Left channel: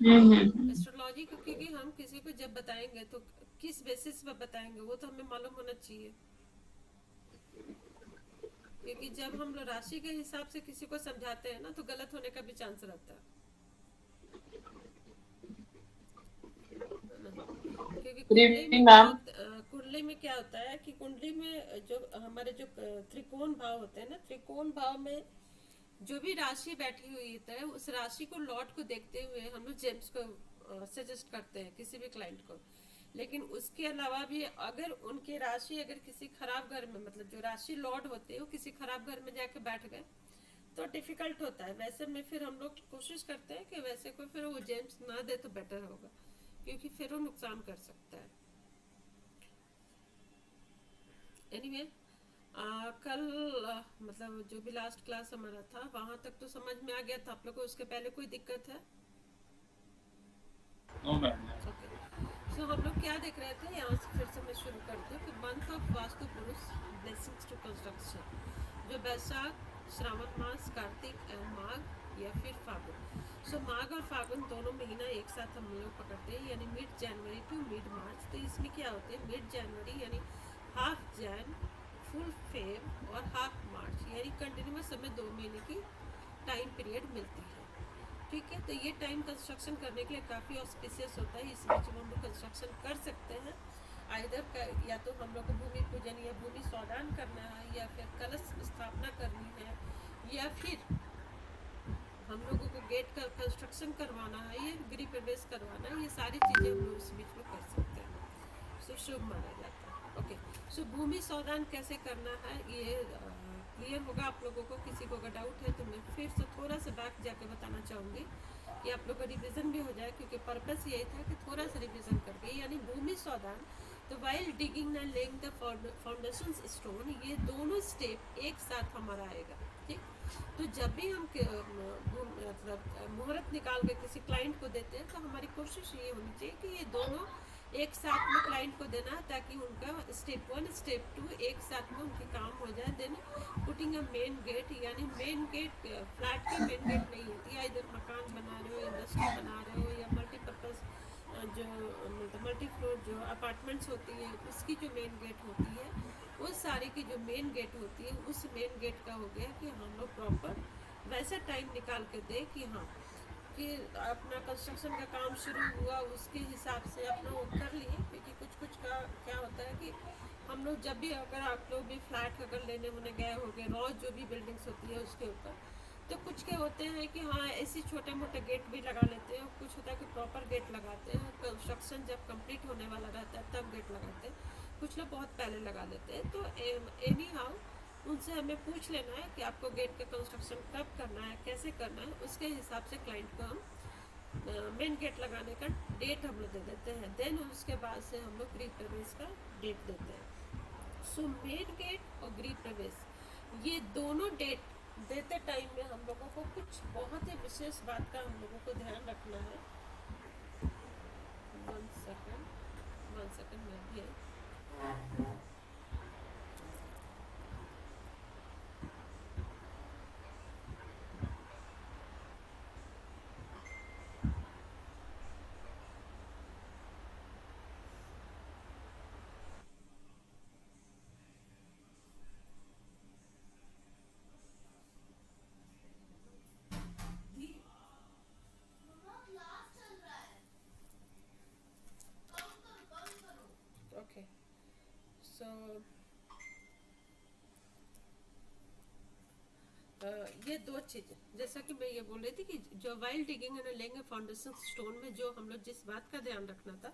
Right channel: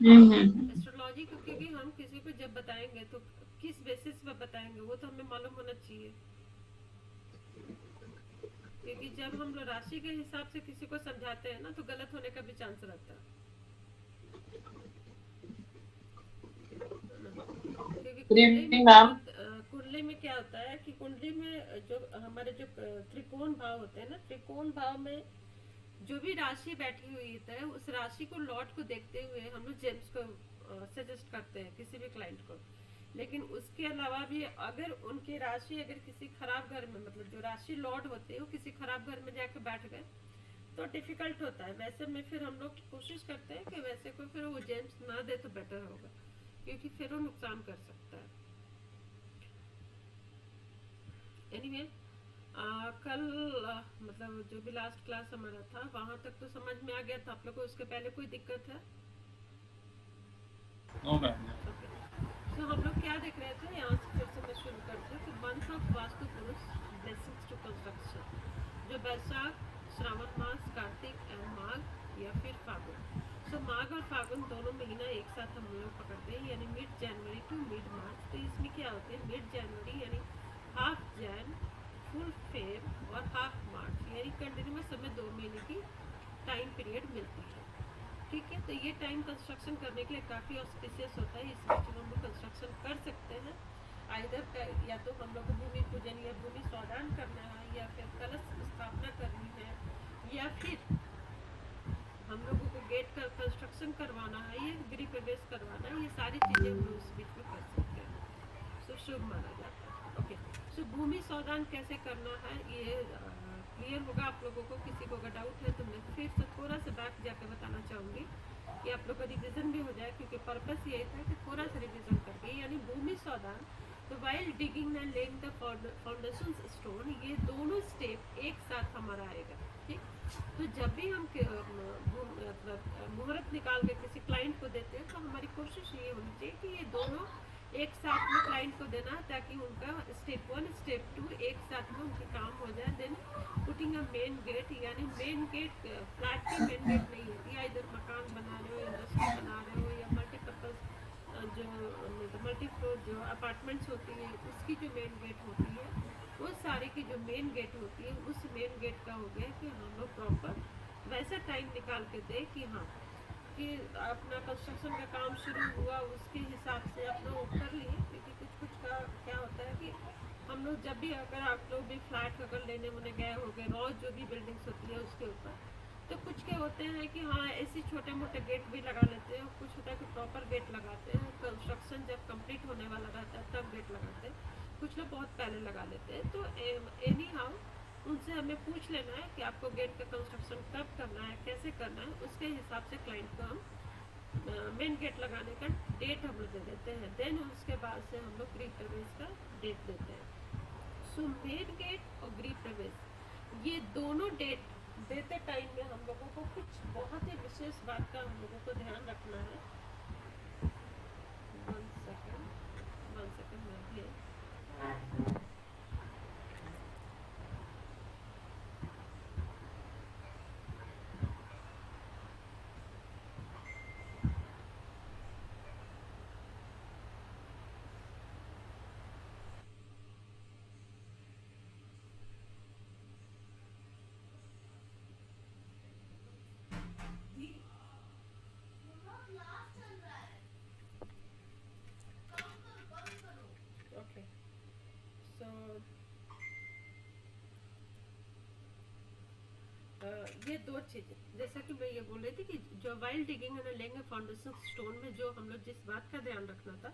Astrology को क्योंकि हम किसी को जब बताएंगे तो किस बेसिस पर बताएंगे वो तो हमें मालूम होना चाहिए। क्योंकि जब हम लोग राशि के हिसाब से किसी को समझाते हैं ना तो गलत होने का भी चांस रहता है ना। क्योंकि कुंडली जी में क्या मैम। कुंडली में क्या होता है कि कुंडली में जो हमारे जो त्रिकोण भाव होते हैं ना, त्रिकोण भाव में जो भी राशि बैठी हुई है उस राशि को लॉर्ड को देखते हुए हम लोग जेम्स को सजेस्ट करते हैं किसी भी क्लाइंट को। लेकिन उसके अलावा भी अगर उनकी राशि अगर किसी खराब घर में, मतलब जो राशि लॉर्ड होते हैं वो किसी खराब घर में जाके बैठ गए तो डिफिकल्ट होता है। वैसे में फिर हम लोग कोशिश करते हैं कि वैसे कोई फिर वो जेम्स ना दे तो बेटर होगा, क्योंकि फिर वो नुकसान कर सकता है। एनीवे anyway, कल मतलब जो भी लास्ट क्लास हमारा था वहां तक तो समझ में आ गया था आप लोग को। उसके पहले कोई दिक्कत है? No ma'am. ओके। सो हम लोग क्या देख रहे थे, यहाँ से फिर से मैं शुरू करती हूँ कि मंथ ऑफ वास्तु पुरुष ब्लेसिंग्स टू कंस्ट्रक्शन, जो बैसाख, श्रावण मास, कार्तिक एंड माघ या फिर फागुन। सो माघ और फागुन दोनों महीना एक साथ हम लोग पकड़ते हैं, यानी mid January to mid March. तो इसमें क्या होते हैं, मिड जनवरी यानी हाफ जैन, फुल फेब और हाफ मार्च, यानी कंटिन्यूस हमें 2 महीने की टाइम पीरियड मिलती है। ठीक है, तो ये टाइम कंस्ट्रक्शन करने के लिए काफ़ी ऑस्पिशियस होता है। इस बीच में हम लोग कंस्ट्रक्शन कर सकते हैं। आइधर या तो हम लोग को भूमि पूजन या भूमि स्वादान करना है, या फिर कलश स्थापना करनी है, या फिर हम लोगों को गेट का कंस्ट्रक्शन करवाना है, या गृह प्रवेश करवाना है। ये सारी चीज़ें हम लोग इस बीच में कर सकते हैं। सो शुभ माना जाता है। ओके। सो भूमि स्वादान कैसे करना है ये क्लियर होगा आप लोगों को। किसी को अगर डाउट है तो मैं फिर से थोड़ा सा बैक जाकर बताना चाहूँगी कि आप लोग का रिवीजन भी हो जाए, क्योंकि पर्पस यही था कि थोड़ा सा रिवीजन करके, यानी भूमि स्वादान। तो while digging and laying the foundation stone, ये दोनों स्टेप एक साथ हमारा आएगा। ठीक। तो जब भी हम मतलब मुहूर्त निकाल के किसी क्लाइंट को देते हैं तो हमारी कोशिश ये होनी चाहिए कि ये दोनों एक साथ में क्लाइंट को देना, ताकि उनका स्टेप 1 स्टेप 2 एक साथ में उनके काम हो जाए। Then putting a main gate, यानी मेन गेट फ्लैट की मेन गेट नहीं होती है, इधर मकान बना रहे हो, इंडस्ट्री बना रहे हो, या मल्टीपर्पज़ जो मतलब मल्टी फ्लोर जो अपार्टमेंट्स होती है उसकी जो मेन गेट होती है, वो सारे की जो मेन गेट होती है उस मेन गेट का हो गया कि हम लोग प्रॉपर वैसा टाइम निकाल के दे कि हाँ, कि अपना कंस्ट्रक्शन का काम शुरू हुआ उसके हिसाब से अपना वो कर लिए। क्योंकि कुछ कुछ का क्या होता है कि हम लोग जब भी, अगर आप लोग भी फ्लैट अगर लेने होने गए होंगे, रॉ जो भी बिल्डिंग्स होती है उसके ऊपर, तो कुछ के होते हैं कि हाँ ऐसी छोटे मोटे गेट भी लगा लेते हैं, कुछ होता है कि प्रॉपर गेट लगाते हैं। कंस्ट्रक्शन जब कंप्लीट होने वाला रहता है तब गेट लगाते हैं, कुछ लोग बहुत पहले लगा लेते हैं। तो एनी हाउ उनसे हमें पूछ लेना है कि आपको गेट का कंस्ट्रक्शन कब करना है, कैसे करना है, उसके हिसाब से क्लाइंट को हम मेन गेट लगाने का डेट हम लोग दे देते हैं। देन उसके बाद से हम लोग गृह प्रवेश का डेट देते हैं। सो मेन गेट और गृह प्रवेश ये दोनों डेट देते टाइम में हम लोगों को कुछ बहुत ही विशेष बात का हम लोगों को ध्यान रखना है। 1 सेकेंड, 1 सेकेंड में भी ओके। सो ये दो चीज़ें जैसा कि मैं ये बोल रही थी कि जो वाइल डिगिंग एंड लेंगे फाउंडेशन स्टोन में जो हम लोग जिस बात का ध्यान रखना था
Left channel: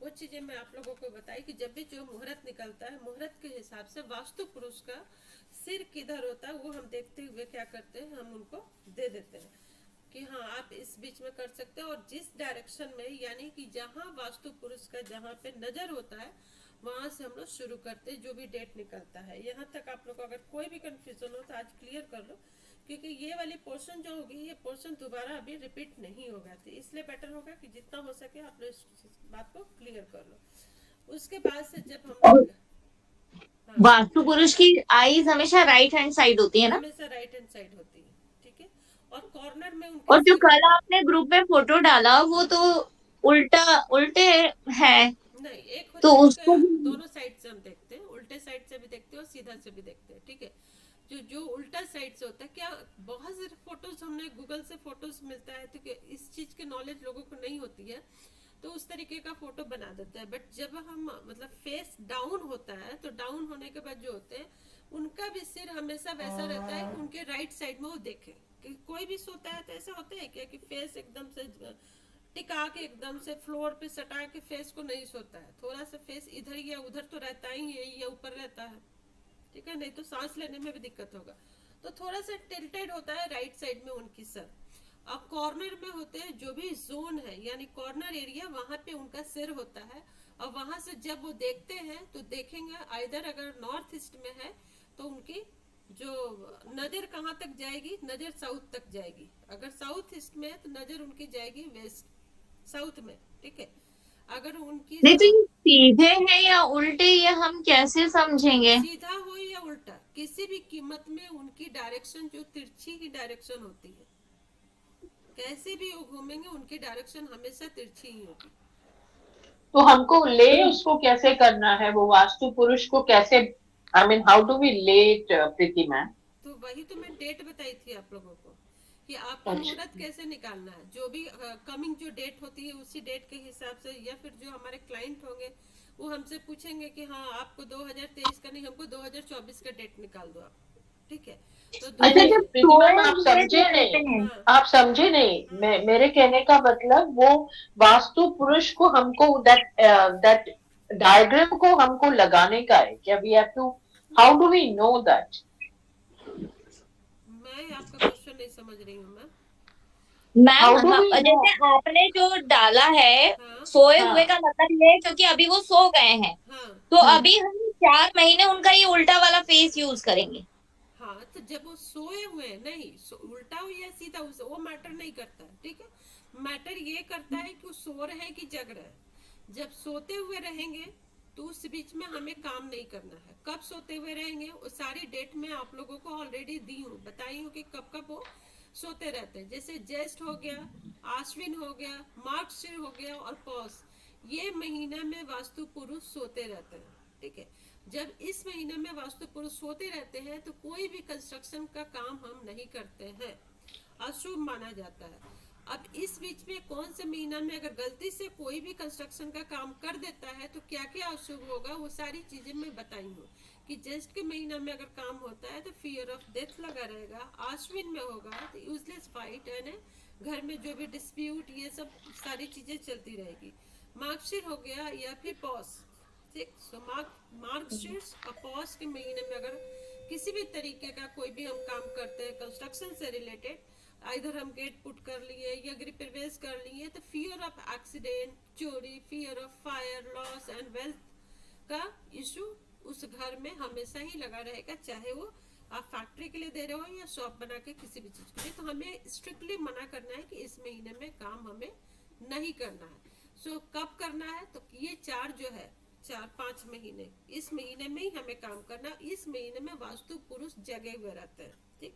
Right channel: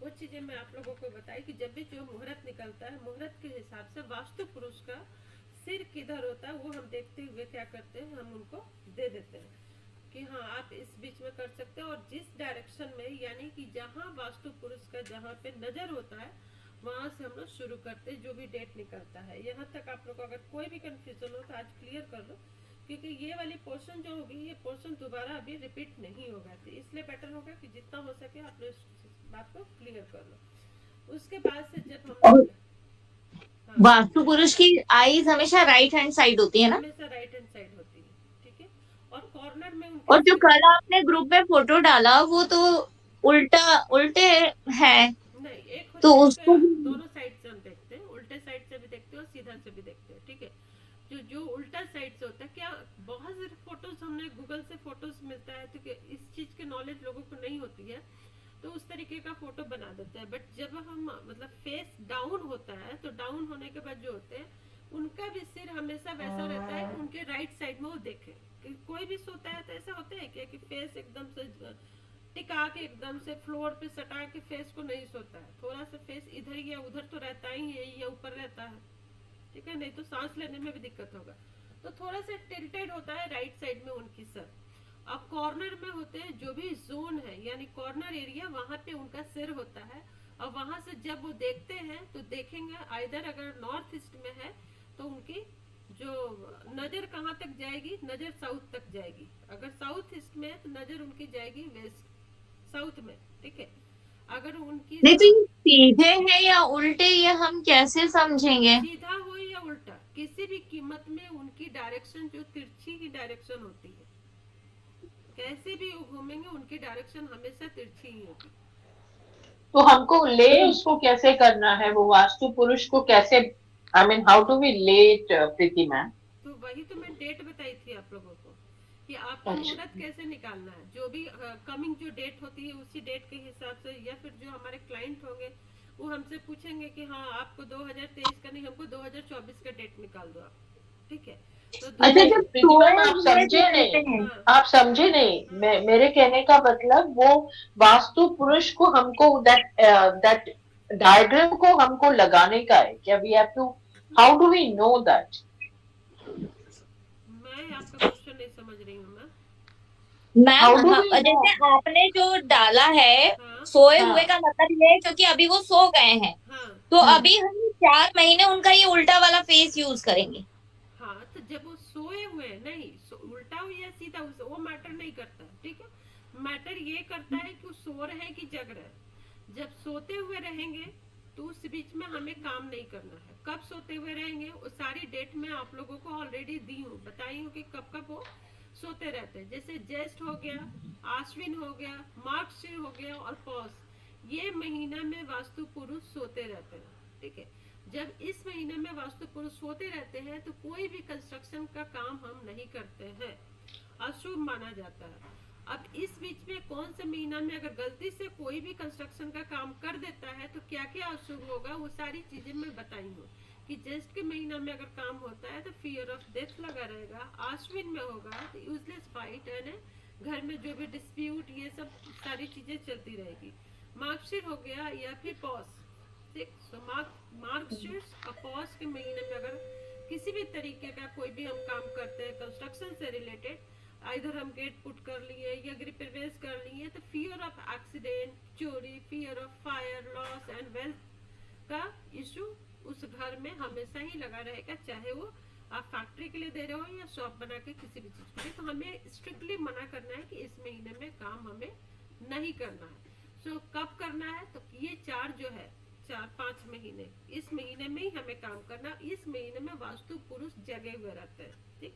वो चीज़ें मैं आप लोगों को बताई कि जब भी जो मुहूर्त निकलता है मुहूर्त के हिसाब से वास्तु पुरुष का सिर किधर होता है वो हम देखते हुए क्या करते हैं, हम उनको दे देते हैं कि हाँ आप इस बीच में कर सकते हैं। और जिस डायरेक्शन में, यानी कि जहाँ वास्तु पुरुष का जहाँ पे नज़र होता है वहाँ से हम लोग शुरू करते हैं जो भी डेट निकलता है। यहाँ तक आप लोग को अगर कोई भी कंफ्यूजन हो तो आज क्लियर कर लो, क्योंकि ये वाली पोर्शन जो होगी ये पोर्शन दोबारा अभी रिपीट नहीं होगा। तो इसलिए बेटर होगा कि जितना हो सके आप लोग इस बात को क्लियर कर लो। उसके बाद से जब हम और लोग, हाँ, वास्तु पुरुष की आईज हमेशा राइट हैंड साइड होती है ना? हमेशा राइट हैंड साइड होती है। ठीक है। और कॉर्नर में उनके और जो सिर कल होता है। आपने ग्रुप में फोटो डाला वो तो उल्टा उल्टे है, नहीं, एक तो होता है कि उसको भी। दोनों साइड से हम देखते हैं, उल्टे साइड से भी देखते हैं और सीधा से भी देखते हैं, ठीक है। जो जो उल्टा साइड से होता है, क्या बहुत सारे फोटोज हमने गूगल से फोटोज मिलता है, तो इस चीज की नॉलेज लोगों को नहीं होती है, तो उस तरीके का फोटो बना देते हैं। बट जब हम मतलब फेस डाउन होता है, तो डाउन होने के बाद जो होते हैं उनका भी सिर हमेशा वैसा रहता है कि उनके राइट साइड में वो देखे। कि कोई भी सोता है तो ऐसा होता है क्या कि फेस एकदम से टिका के एकदम से फ्लोर पे सटा के फेस को नहीं सोता है, थोड़ा सा फेस इधर या उधर तो रहता ही है या ऊपर रहता है, ठीक है, नहीं तो सांस लेने में भी दिक्कत होगा। तो थोड़ा सा टिल्टेड होता है राइट साइड में उनकी सर। अब कॉर्नर में होते हैं जो भी जोन है, यानी कॉर्नर एरिया, वहां पे उनका सिर होता है। और वहां से जब वो देखते हैं तो देखेंगे आइधर अगर नॉर्थ ईस्ट में है तो उनकी जो नजर कहाँ तक जाएगी, नजर साउथ तक जाएगी। अगर साउथ ईस्ट में है तो नजर उनकी जाएगी वेस्ट साउथ में, ठीक है। अगर उनकी नहीं तो ये सीधे हैं या उल्टे, ये हम कैसे समझेंगे? सीधा हो या उल्टा, किसी भी कीमत में उनकी डायरेक्शन जो तिरछी की डायरेक्शन होती है, कैसे भी वो घूमेंगे उनकी डायरेक्शन हमेशा तिरछी ही होगी। तो हमको ले उसको कैसे करना है, वो वास्तु पुरुष को कैसे, I mean how do we lay it, Preeti ma'am? तो वही तो मैं डेट बताई थी आप लोगों को कि आपको अच्छा। मुहूर्त कैसे निकालना है, जो भी कमिंग जो डेट होती है उसी डेट के हिसाब से, या फिर जो हमारे क्लाइंट होंगे वो हमसे पूछेंगे कि हाँ आपको 2023 का नहीं, हमको 2024 का डेट निकाल दो आप, ठीक है। तो दो अच्छा, नहीं जब प्रीति सोए मैम, आप हुए समझे जो रहते नहीं, हैं। हाँ आप समझे नहीं, हाँ मेरे कहने का मतलब वो वास्तु पुरुष को हमको दैट डायग्राम को हमको लगाने का है क्या? We have to, how do we know that? मैं आपका क्वेश्चन नहीं समझ रही हूँ मैं। Ma'am, how do we know? जैसे आपने जो डाला है, हाँ सोए हुए हाँ। का मतलब ये है क्योंकि अभी वो सो गए हैं, हाँ तो हम्म। अभी हम 4 महीने उनका ये उल्टा वाला फेस यूज करेंगे। हाँ, तो जब वो सोए हुए हैं, नहीं उल्टा हो या सीधा हो वो मैटर नहीं करता है, ठीक है। मैटर ये करता है कि वो सो रहे हैं कि जग रहे हैं। जब सोते हुए रहेंगे तो उस बीच में हमें काम नहीं करना है। कब सोते हुए रहेंगे वो सारी डेट में आप लोगों को ऑलरेडी दी हूँ, बताई हूँ कि कब कब वो सोते रहते हैं। जैसे ज्येष्ठ हो गया, आश्विन हो गया, मार्गशीर हो गया और पौष, ये महीना में वास्तु पुरुष सोते रहते हैं, ठीक है। जब इस महीने में वास्तु पुरुष सोते रहते हैं तो कोई भी कंस्ट्रक्शन का काम हम नहीं करते हैं, अशुभ माना जाता है। अब इस बीच में कौन से महीना में अगर गलती से कोई भी कंस्ट्रक्शन का काम कर देता है तो क्या क्या अशुभ होगा, वो सारी चीजें मैं बताई हूँ। कि ज्येष्ठ के महीना में अगर काम होता है तो फियर ऑफ डेथ लगा रहेगा, आश्विन में होगा तो यूजलेस फाइट एंड घर में जो भी डिस्प्यूट ये सब सारी चीजें चलती रहेगी। मार्गशीर हो गया या फिर पॉस, ठीक। सो मार्गशीर्ष और पॉस के महीने में अगर किसी भी तरीके का कोई भी हम काम करते हैं कंस्ट्रक्शन से रिलेटेड, इधर हम गेट पुट कर लिए या गृह प्रवेश कर लिए, तो फियर ऑफ एक्सीडेंट, चोरी, fear of fire, loss and wealth का इशू उस घर में हमेशा ही लगा रहेगा, चाहे वो आप फैक्ट्री के लिए दे रहे हो या शॉप बना के किसी भी चीज के लिए। तो हमें स्ट्रिक्टली मना करना है कि इस महीने में काम हमें नहीं करना है। सो कब करना है, तो ये चार जो है 4-5 महीने, इस महीने में ही हमें काम करना। इस महीने में वास्तु पुरुष जगे हुए रहते हैं, ठीक।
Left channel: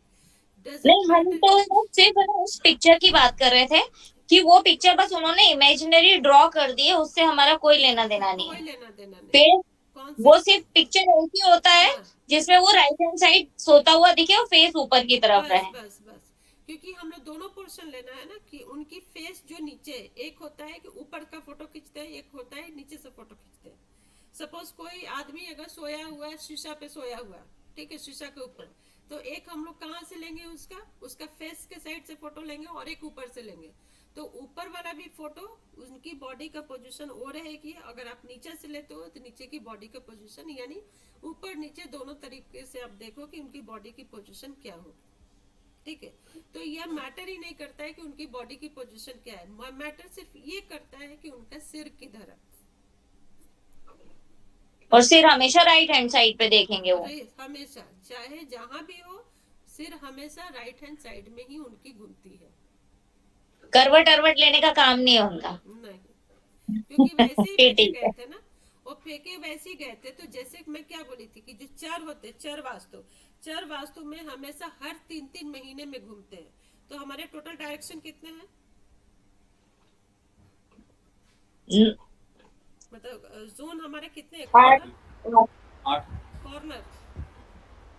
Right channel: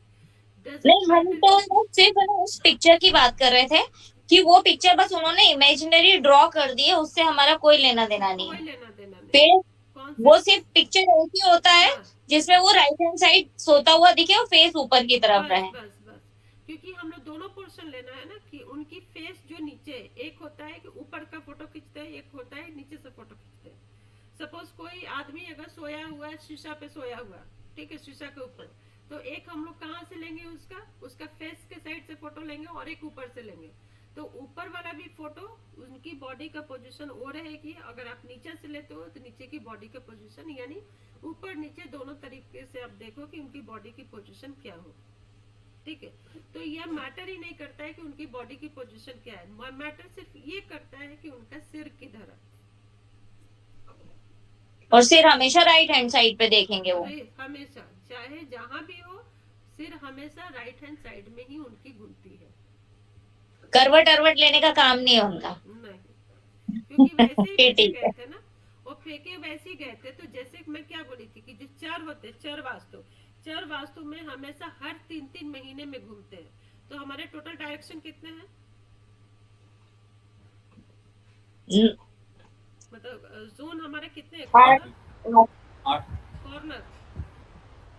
डजेंट नहीं, हम मैटर तो कि सिर्फ है ना उस पिक्चर की बात कर रहे थे कि वो पिक्चर बस उन्होंने इमेजिनरी ड्रॉ कर दी है, उससे हमारा कोई लेना देना नहीं कोई है। लेना देना नहीं। फिर कौन से, वो सिर्फ पिक्चर ऐसी होता है हाँ, जिसमें वो राइट हैंड साइड सोता हुआ दिखे और फेस ऊपर की तरफ बस रहे। बस बस, क्योंकि हम लोग दोनों पोर्शन लेना है ना, कि उनकी फेस जो नीचे, एक होता है कि ऊपर का फोटो खींचते हैं, एक होता है नीचे से फोटो खींचते हैं। सपोज कोई आदमी अगर सोया हुआ है, शीशा पे सोया हुआ, ठीक है, शीशा के ऊपर, तो एक हम लोग कहाँ से लेंगे, उसका उसका फेस के साइड से फोटो लेंगे और एक ऊपर से लेंगे। तो ऊपर वाला भी फोटो उनकी बॉडी का पोजीशन वो रहेगी, अगर आप नीचे से लेते हो तो नीचे की बॉडी का पोजीशन, यानी ऊपर नीचे दोनों तरीके से आप देखो कि उनकी बॉडी की पोजीशन क्या हो, ठीक है। तो यह मैटर ही नहीं करता है कि उनकी बॉडी की पोजीशन क्या है, मैटर सिर्फ ये करता है कि उनका सिर किधर है। और सिर हमेशा राइट हैंड साइड पे देखेंगे वो। अरे हमेशा, चाहे जहां भी हो, सिर हमेशा राइट हैंड साइड में ही उनकी घूमती है। करवट अरवट लेने का काम नहीं है उनका। नहीं, क्योंकि वैसे ही फिर फेंके ठीक गए है। थे ना, वो फेंके वैसे ही गए थे। तो जैसे मैं क्या बोली थी कि जो चर होते, चर वास्तु, चर वास्तु में हमेशा हर 3-3 महीने में घूमते हैं। तो हमारे टोटल डायरेक्शन कितने हैं, मतलब जोन हमारे कितने, आठ आठ कॉर्नर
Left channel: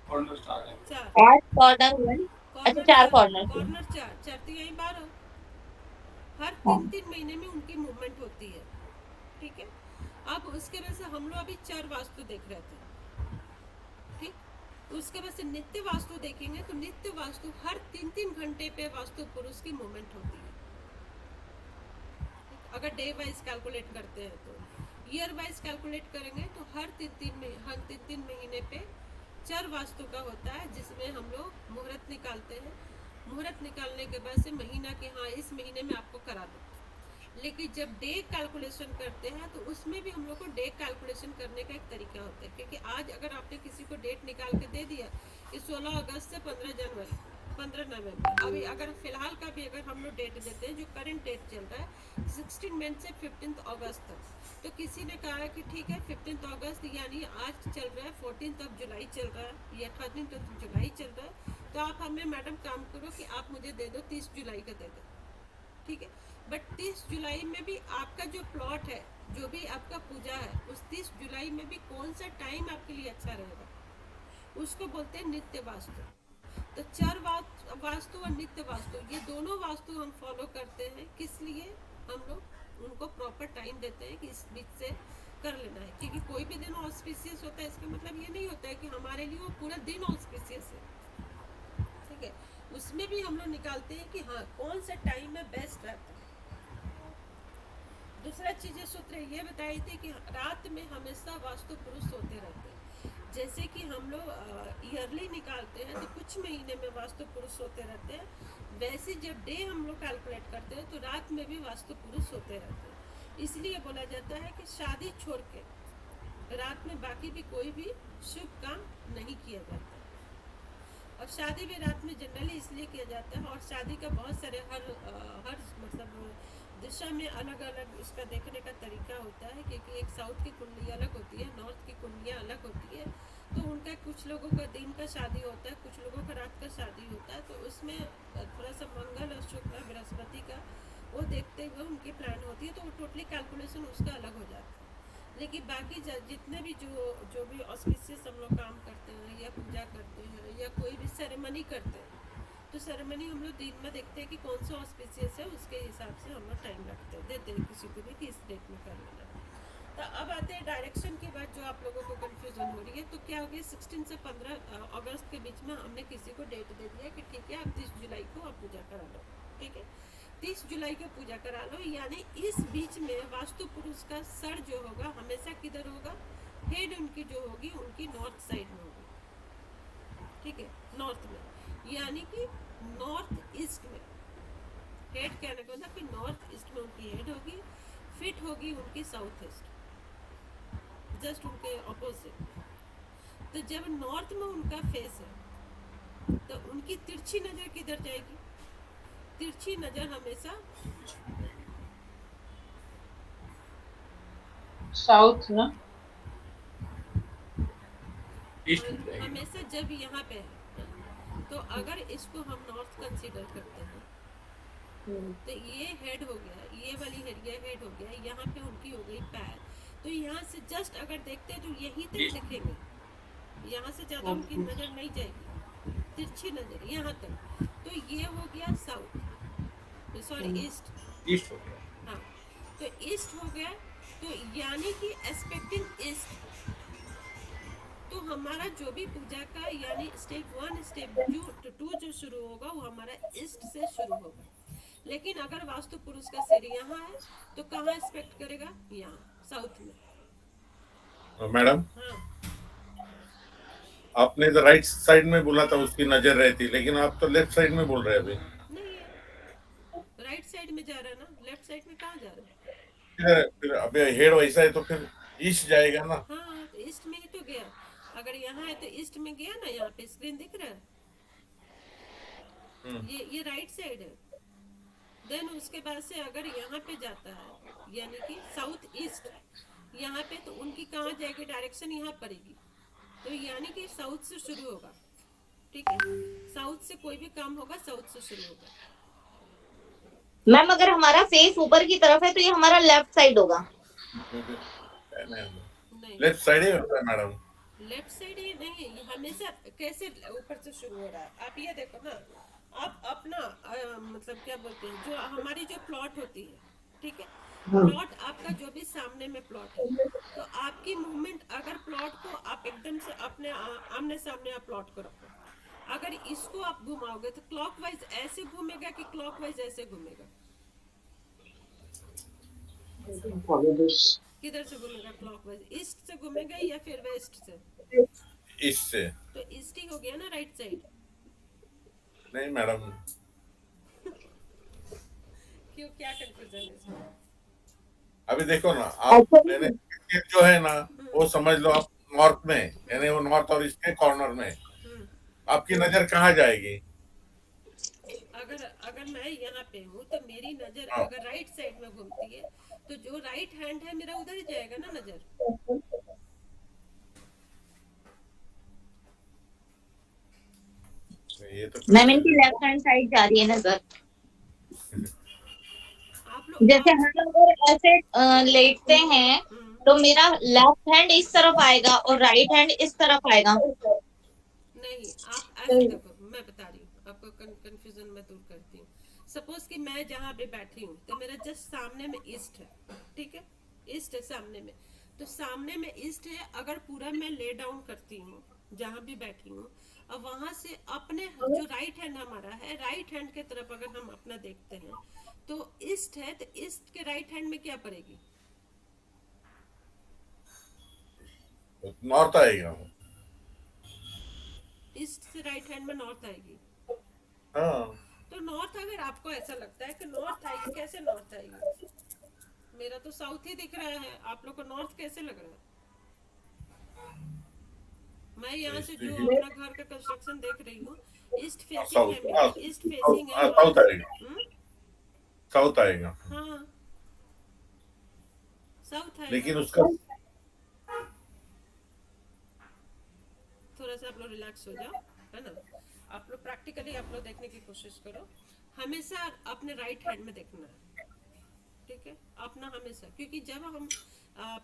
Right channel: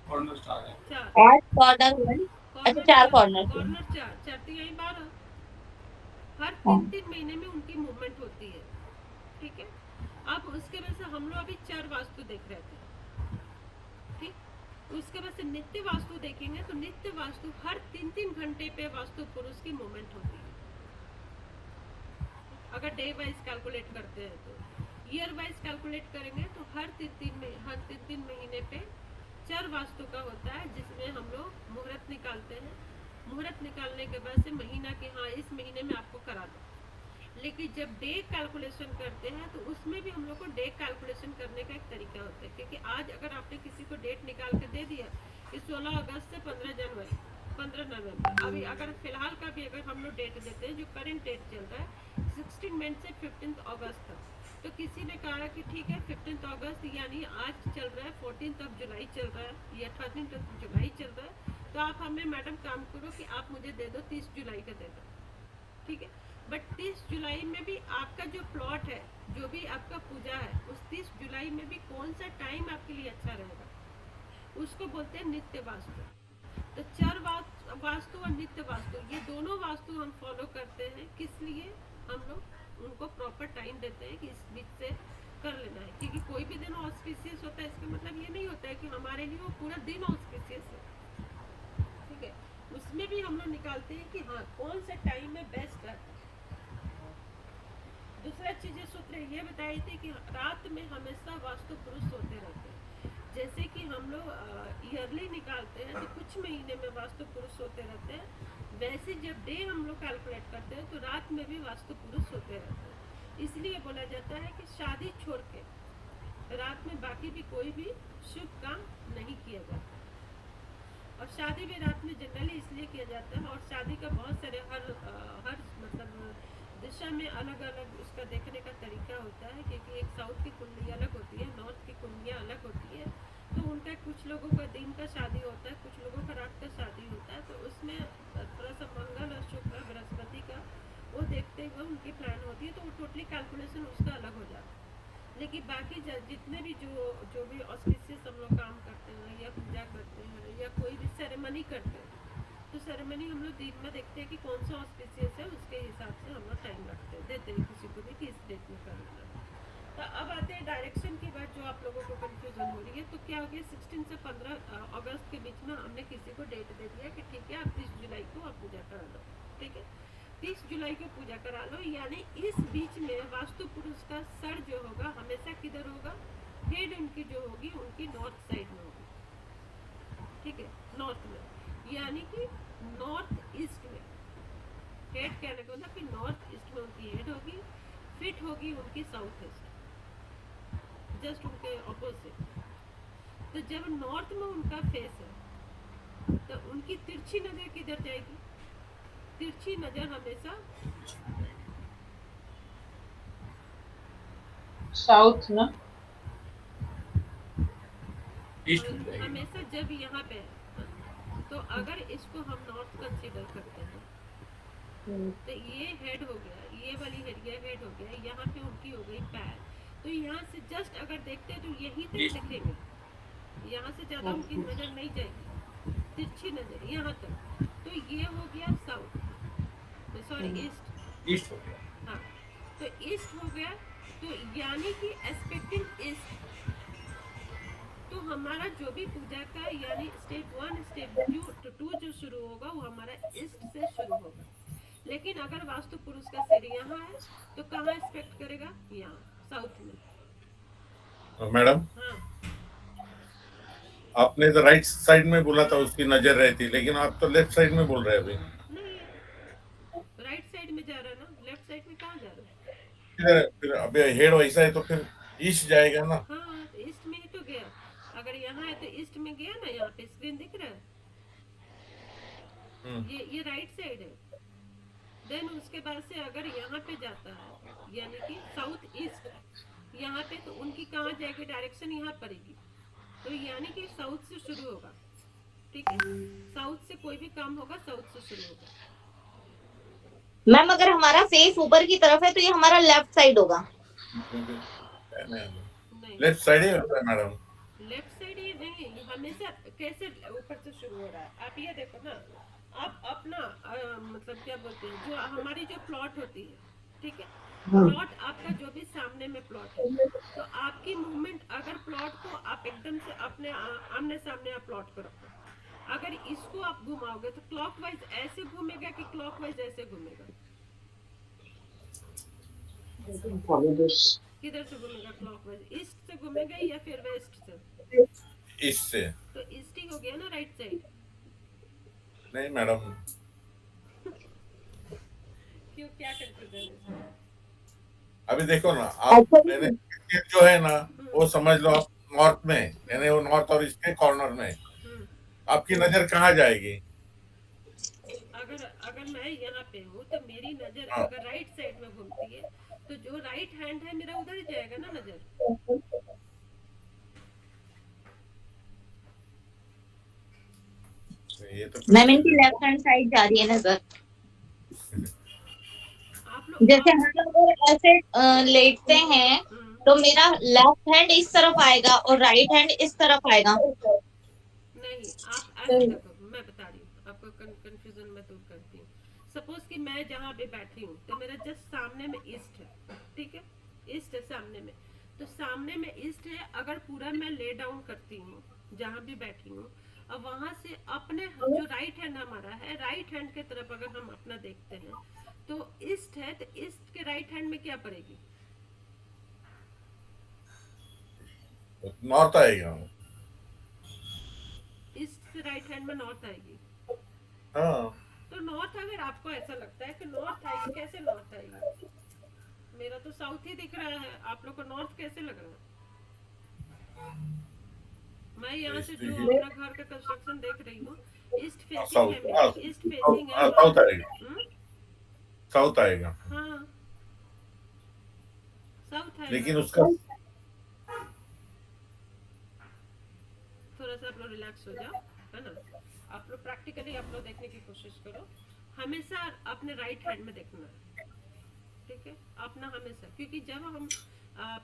कॉर्नर स्टार है। 4, कॉर्नर हुए। अच्छा, कॉर्नर 4 4, कॉर्नर थे। कॉर्नर 4 4 तो यही 12, हर हाँ। 3 महीने में उनकी मूवमेंट होती है, ठीक है। अब उसके वजह से हम लोग अभी 4 वास्तु देख रहे थे, ठीक। उसके बाद से नित्य वास्तु देखेंगे तो नित्य वास्तु हर 3 घंटे पे वास्तु पुरुष की मूवमेंट होती है, अगर डे वाइज कैलकुलेट करते हैं तो। ईयर वाइज कैलकुलेट करेंगे तो हर तीन महीने पे 4 वास्तु का होता है, जिसमें हम लोग मुहूर्त निकालते हैं। मुहूर्त निकालने के बाद से महीना कि हाँ इस महीने में आपको करा दो। लेकिन जब डे कैलकुलेशन करते हैं तो उसमें भी हम लोग को डे कैलकुलेशन करने का एक तरीका होता है, क्योंकि आज अगर आपने किसी को डेट निकाल के दे दिया कि 16 अगस्त से 15 जनवरी 15 नवंबर, अभी अगर फिलहाल का भी अगर हम लोग डेट देते हैं जो करंट डेट चल रहा है 16 मई से 15 अगस्त तक, तो किसी ने कहा कि ठीक है 15 अगस्त यानी आज चल रहा है 14 जुलाई चल रहा है या 13 जुलाई चल रहा है, तो आप हमें मैडम काम करो कि आप मुझे दे दो 30 जुलाई का दे दो, ठीक है। बट 30 जुलाई में भी आपका जो प्लॉट है, जो भी आपका पूजा है, उस 30 जुलाई में भी कौन सा टाइम आपके लिए अच्छा रहेगा, उसको बोलते हैं नित्य वास्तु। तो चर वास्तु और नित्य वास्तु ये दोनों वास्तु हम फॉलो करते हैं, किस लिए, हम लोग उनको प्रॉपर टाइम देते हैं कि इस बीच से कर लेना है, क्योंकि कोई भी दिन ऑस्पिशियस होता है इसका मतलब ये नहीं होता है कि हमारे लिए वो पूरा दिन ऑस्पिशियस है, ठीक है। उसमें भी हम लोग निकालते हैं कि हाँ कौन सा टाइम में बेस्ट रहता है। दूसरा चीज़ सूत्र ये बताई थी कि रात में हमेशा वास्तु पुरुष सोते रहते हैं, जैसे कि हम लोग ईयरली निकालते हैं तो कुछ महीने में वास्तु पुरुष सोते रहते हैं, वैसे जब डे हम लोग कैलकुलेट करते हैं तो रात में भी वास्तु पुरुष सोते रहते हैं। इसलिए बोला जाता है कि शादी छोड़ के रात में बाकी भी कोई भी शुभ काम नहीं किया जाता, और शादी भी रात में जनरली इसलिए किया जाता है। और शादी का बहुत सारे हर मतलब दिशा में अलग अलग उसका देखने का तरीका होता है, क्योंकि एक साउथ की कुंडली अलग होती है, नॉर्थ की कुंडलियाँ अलग होती है, तो उनका कुछ लोगों का दिन का शादी होता है, कुछ लोगों का रात का शादी होता है, तो उसमें थोड़ा सा मंगल और शुक्र बृहस्पति का वो देखते हुए उनकी प्लान होती है, तो वो टोटली कैलकुलेशन उसका अलग हो जाता है। लेकिन बाकी जितने भी जो भी ऑस्पिशियस हम लोग काम करते हैं या पूजा करते हैं या कोई भी सेरेमनी करते हैं, तो सेरेमनी हम लोग दिन में देखते हैं कि कौन सा ऑस्पिशियस है, उसके हिसाब से हम लोग टाइम रखते हैं, देते हैं किसी को भी कि इस डेट में कर लेना है। तो अब आते हैं डायरेक्शन की बात, जो आप लोगों को कंफ्यूजन हो रही है। तो क्या हो गया 16 से 15 अगस्त के बीच में हमने किसी को डेट दे दिया कि ठीक है आप 30 जुलाई को आप पूजा करा लो, ठीक है 30 जुलाई को पूजा करा लो, यानी इस बीच में वास्तु पुरुष का सर जो होगा हमेशा किधर होगा, हेड उनकी जो होगी उनकी नॉर्थ साइड में होगी, ठीक है नॉर्थ में, यानी कि नॉर्थ ईस्ट में। हेड कहने का मतलब कि नॉर्थ ईस्ट में उनकी हेड होगी, फिट होगी उनकी साउथ ईस्ट, जस्ट उनके ऑपोजिट। तो जब नॉर्थ में उनका फेस है तो उनकी तिरछी नजर किधर जाएगी, तिरछी नजर हमेशा साउथ ना, ईस्ट में जाएगी। हमेशा जब यहाँ पे है, तो अगर इसको हम नॉर्थ कंसीडर करते हैं तो ये हेड हो गया, ये वाली हेड ये हेड हो गया, यहाँ पे उनकी हो गई पैर, तो यहाँ से जस्ट अगर देखते हैं तो यही तक दिखेंगे, यहाँ से ज्यादा उनकी नजर नहीं जाएगी, तिरछी नजर यहाँ तक। तो ये हो गया साउथ, सॉरी ईस्ट हो गया। हाँ, तो ईस्ट हो गया, तो यानी कि एस्पेक्टिंग ईस्ट, तो हमारा जो भी पूजा का यानी स्टेप 1 स्टेप 2 जो शुरू होगा वो हमारा ईस्ट से शुरू होगा। लेकिन अगर वास्तु पुरुष का सिर यहाँ है तो कहाँ एक्सपेक्ट करेगा, यहाँ साउथ में। मैडम हाँ आपने तो राइट साइड में बोला था उसकी नजर रहती, लेकिन आप तो लेफ्ट साइड में बोल रहे हैं अभी। नहीं है, राइट साइड में जा रहा है ना, लेफ्ट साइड में कहाँ जा रहा है। फिर अभी हेड वैसा है तो फिर ईस्ट जाएगा ना। हाँ तो ईस्ट में ही तो गया, अगर यहाँ है तो ईस्ट में गया ना, यहाँ पे स्क्रीन दिख रहा है, ये राइट साइड है। देन उसके बाद से अगर यहाँ पे जाता है यानी कि साउथ ईस्ट, यहाँ पे तो उनकी कहाँ जाएगी, डायरेक्शन यहाँ पड़ेगी, तो यानी कि साउथ से शुरू होगा, ठीक है साउथ से कोई भी काम होगा साउथ से शुरू होगा। मैम अगर हमारा फेस ऊपर की तरफ है तो ये हमारा लेफ्ट साइड होगा। नहीं, लेफ्ट साइड ही होता है मैडम। लेफ्ट साइड ही नहीं, ये हमेशा कैसे ऊपर से शुरू हो रहा है। आप ये देखो ना, आप अपना मतलब क्या बोलते हैं, जो हमारी जो प्लॉट होती है, ठीक है, प्लॉट आपका जो भी सामने में प्लॉट है, तो आपकी मूवमेंट, अगर प्लॉट को आप एकदम से अपने आमने सामने आप प्लॉट को रखो, अगर इसको आप घुमाओगे तो क्लॉकवाइज ऐसे घूमेगा कि क्लॉकवाइज ऐसे घूमेगा? किधर से घूमेगा क्लॉकवाइज? ईस्ट से घूमेगा या फिर वेस्ट से? इससे तो ईस्ट ही हो गया ना राइट साइड। नहीं मैडम, क्यों, क्या कंफ्यूजन है इसमें? अभी देखो ना आप, मैंने जो है ना वो समझ लो आप नॉर्थ में, यानी वो नॉर्थ और ईस्ट के कॉर्नर में, हम्म, आपकी नजर कहाँ जाएगी? अगर अगर मैं यहाँ पे हूँ तो मेरी नजर हाँ, अगर राइट साइड में घूमती है, तो जो राइट हैंड है मेरा उधर ही जाएगा ना नजर। ये तो मैम इनकी लेफ्ट हैंड साइड जा रही है नजर। आप लोग जैसे हम लोग अगर ऐसे लेटते हैं तो मेरा लेफ्ट हैंड इस तरफ आएगा और राइट हैंड इस तरफ आएगा। नहीं, आप ऐसे देखो, मैं बता रही हूँ आपको, कंफ्यूजन मैं दूर करती हूँ। सपोज कि मैं जहाँ पे बैठी हूँ तो मेरा जस्ट सामने में ईस्ट है, ठीक है, ईस्ट है सामने में, तो सामने में ईस्ट है। अगर पूरा मैं ले डाउन करती हूँ जहाँ भी बैठी हूँ, अब वहां से अपने जो राइट हैंड हमारा है, राइट हैंड के तरफ अगर हम अपना देखते हैं तो ईस्ट है, तो ईस्ट के राइट हैंड में क्या पड़ेगी? नॉर्थ आएगा। ईस्ट से राइट हैंड में नॉर्थ आएगी। हाँ, तो नॉर्थ, अगर आपको ऐसा लगता है कि नॉर्थ आएगी, कैसे नॉर्थ आएगी? मेरा तो साउथ ही दिख रहा है, आप लोग को नॉर्थ कैसे लग रहा है? मैं यहाँ से जो अपना घर का कंस्ट्रक्शन देख रही हूँ, ईस्ट फेसिंग है मेरी, ईस्ट फेसिंग है। साउथ आएगा, हम्म, साउथ आएगा, हाँ, साउथ लेकिन आएगा। उसका थोड़ा सा आप लोग रिलैक्स हो जाओ, है ना। आप लोग प्रैक्टिकली आप लोग देखने की कोशिश करो, हमेशा अपने राइट हैंड में देखना है, ठीक है, अपना हमेशा। क्योंकि जब हम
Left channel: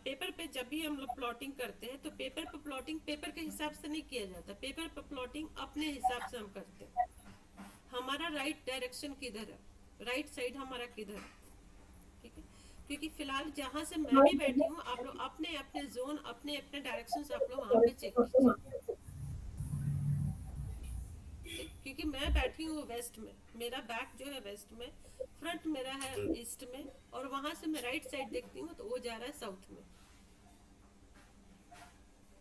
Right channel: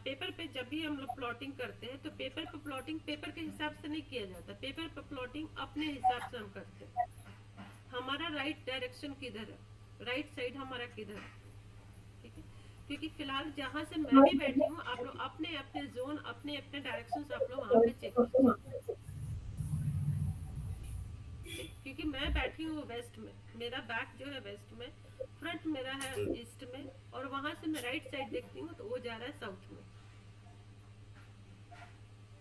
पेपर पे जब भी हम लोग प्लॉटिंग करते हैं तो पेपर पे प्लॉटिंग पेपर के हिसाब से नहीं किया जाता, पेपर पे प्लॉटिंग अपने हिसाब से हम करते हैं। हमारा राइट डायरेक्शन किधर है, राइट साइड हमारा किधर है, ठीक है। क्योंकि फिलहाल जहाँ से मैं भी बैठी हूँ, आप लोग अपने अपने जोन, अपने अपने डायरेक्शन आप लोग वहाँ पे चेक कीजिए। क्योंकि मैं बैठी हूँ वेस्ट में, मेरा बैक जो है वेस्ट में, फ्रंट मेरा है ईस्ट में, और वहां से मैं राइट साइड देखती हूँ तो वो जा रहा है साउथ में।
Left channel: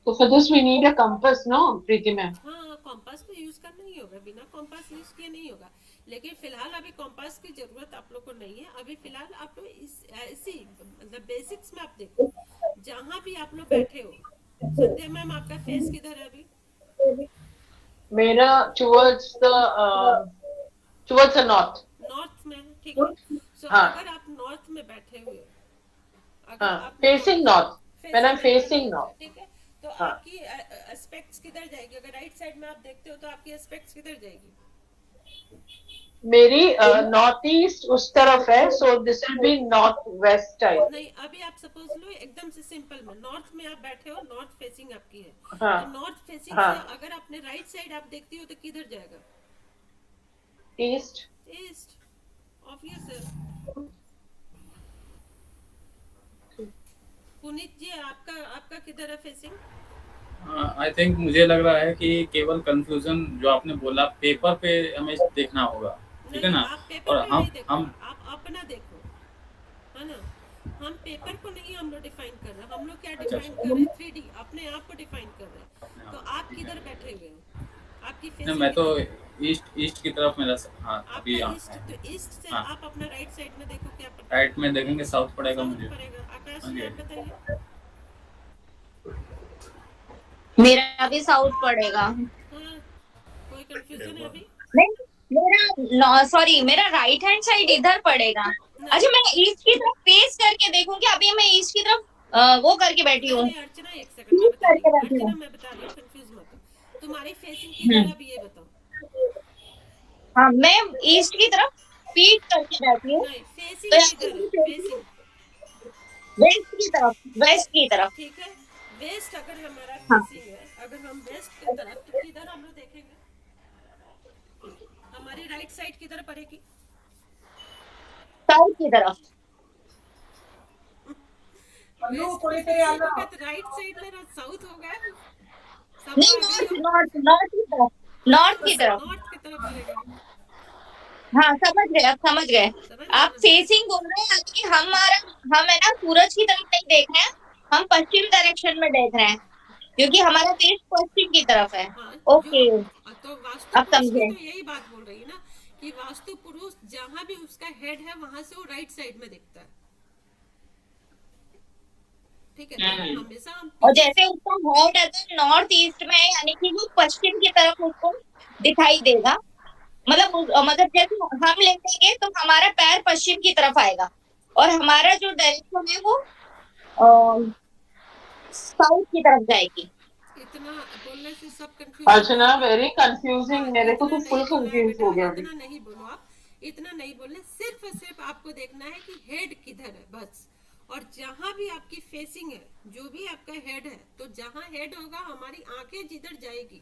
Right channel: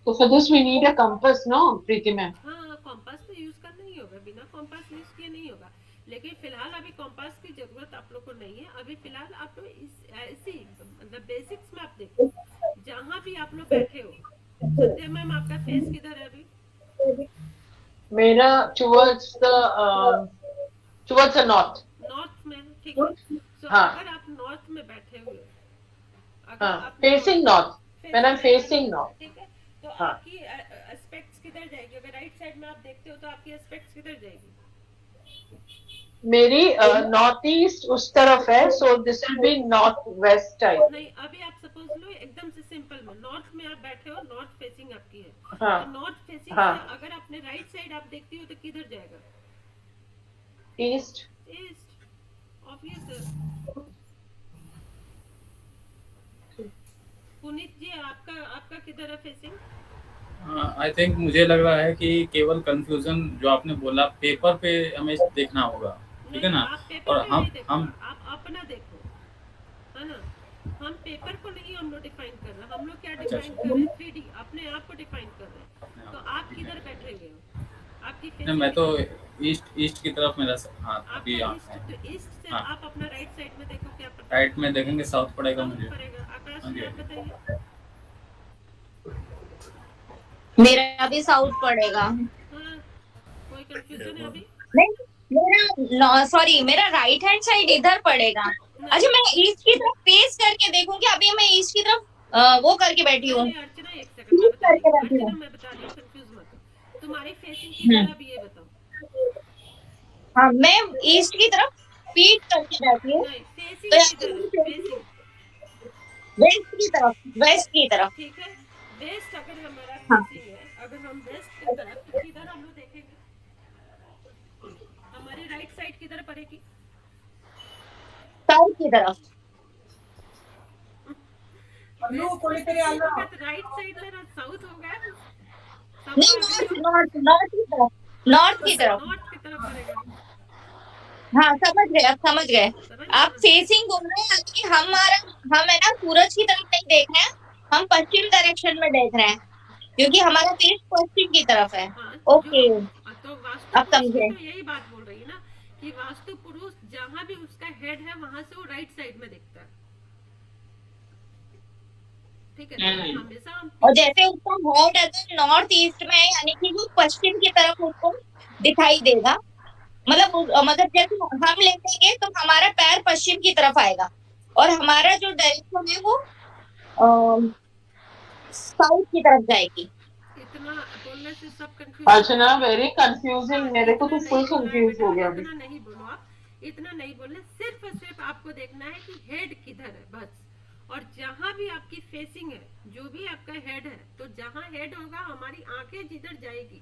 So for this we need a compass, no, Preeti ma'am? हाँ, कॉम्पास तो यूज करना ही होगा, बिना कॉम्पास यूज किए नहीं होगा। लेकिन फिलहाल अभी कॉम्पास की जरूरत आप लोग को नहीं है। अभी फिलहाल आप लोग ऐसी मतलब बेसिक्स में आप देखो, जहाँ भी आप लोग बैठे हो। संध्या मैम, आपका फेस किधर है अभी? मेरा towards the north. नॉर्थ में, ठीक है। सो हाँ, अगर आप नॉर्थ में बैठे हुए, अगर हाँ, आप facing north. When I'm facing north. ठीक है, तो हाँ, आपकी एस्पेक्ट्स किधर जाएगी? अगर राइट साइड में आप देखते हो तो आपकी एस्पेक्ट्स किधर जाएगी? मेरी नॉर्थ ईस्ट उस तरफ है, so this will be north west type. नहीं, अभी आप सपोज लो एकदम से सिंपल में, नॉर्थ में आप बैठे हो, नॉर्थ फेसिंग आपकी है, हाँ, तो नॉर्थ फेसिंग हाँ, से अगर अपने राइट साइड आप देखती हो तो किधर जाएगा? east. ईस्ट, ऑब्वियस है। पुनीत जी, आपका आपका किधर है फेसिंग? आई थिंक मुझे लग रहा है कि केवल कंफ्यूजन जो आपने बोला पेपर पे हमें देखना होगा, ठीक है नहीं, ना। आप पेपर और पे नहीं देखो, हम आप अपना देखो, है ना। हम पेपर को नहीं हम लोग डिफाइन कर रहे हैं, हम लोग क्या डिफाइन कर रहे हैं? 3D, अपने आप को डिफाइन कर रहे हैं। तो आप किधर बैठे हुए हो? आपकी नहीं, फेसिंग मैं तो किधर? ईस्ट की तरफ मेरा हाँ अभी आपका यहाँ ईस्ट, है। तो ईस्ट से हाँ, आप अपना राइट साइड में देखो, क्या पड़ता है? राइट में देखेंगे साउथ पड़ेगा साउथ मुझे। पड़ेगा। आकाश हाँ जी, जी, आप बताइए। मेरा भी साउथ पड़ेगा। हाँ, कोई कंफ्यूजन है अभी? नहीं, मेरा सॉरी, मेरा राइट हैंड साइड इधर पड़ेगा। अच्छा, मैं ईस्ट की तरफ फेस करके देखूंगी। अभी मैं ईस्ट की तरफ वो करके बैठी हूँ। नहीं, अर्चना एक सेकंड, मैं बता रही हूँ, अर्चना मैं बता रही हूँ, कंफ्यूज मत हो। तुम्हारी फेसिंग किधर है अभी ये बताओ। हाँ, मैं ईस्ट की तरफ पीठ करके बैठी हूँ नहीं, तो फेसिंग यहाँ किधर है? पे फेसिंग, वेस्ट की तरफ, वेस्ट की तरफ। ठीक है। वेस्ट अगर हमारा हाँ फेसिंग है, अगर हम वेस्ट की तरफ, तो किधर हम लोग देखेंगे? हमारी राइट साइड किधर पड़ेगी? साउथ की तरफ। वेस्ट में फेसिंग होगा तो राइट साइड मेरा साउथ होगा। सब नहीं, आ गई नॉर्थ हो, नॉर्थ नॉर्थ की तरफ, नॉर्थ की तरफ। नॉर्थ की तरफ पड़ेगा। हाँ समझ गए, आप समझ गए। समझ गए आप ना? फेसिंग बोल रहे हैं कि हम है ना सूरज की तरफ नहीं देख रहे हैं, हम पश्चिम डायरेक्शन में देख रहे हैं क्योंकि हमारा फेस पश्चिम की तरफ है। हाँ, जो ओके, तो वास्तु अब पुरुष की समझे। तो यही बात बोल रही है ना, कि वास्तु पुरुष जहां भी उसका हेड है वहां से वो राइट साइड में दिखता है, ठीक है। तो हमेशा हम और पीछे, जैसे उसका हेड अगर नॉर्थ ईस्ट में है यानी कि वो पश्चिम की तरफ उसको दिखाई देगा। मतलब जैसे हम लेटेंगे तो हमारा पैर पश्चिम की तरफ आएगा और हमारा जो डायरेक्शन है वो साउथ की तरफ जाएगी। इतना बोलने से सब कंफ्यूज हो अर्चना जाएंगे। वेरी हाँ, कंफ्यूजिंग, मेरे को इतना तो नहीं फुल बोलना है कंफ्यूज बेटा, हो गया अभी। इतना नहीं बोलो आप, इतना नहीं बोलना, सिर्फ और सिर्फ आपको देखना है कि हेड किधर है बस। और जहां भी आपकी फेसिंग है, जो भी आपका हेड है, तो जहां हेड होगा हमारी आंखें जिधर जाएगी,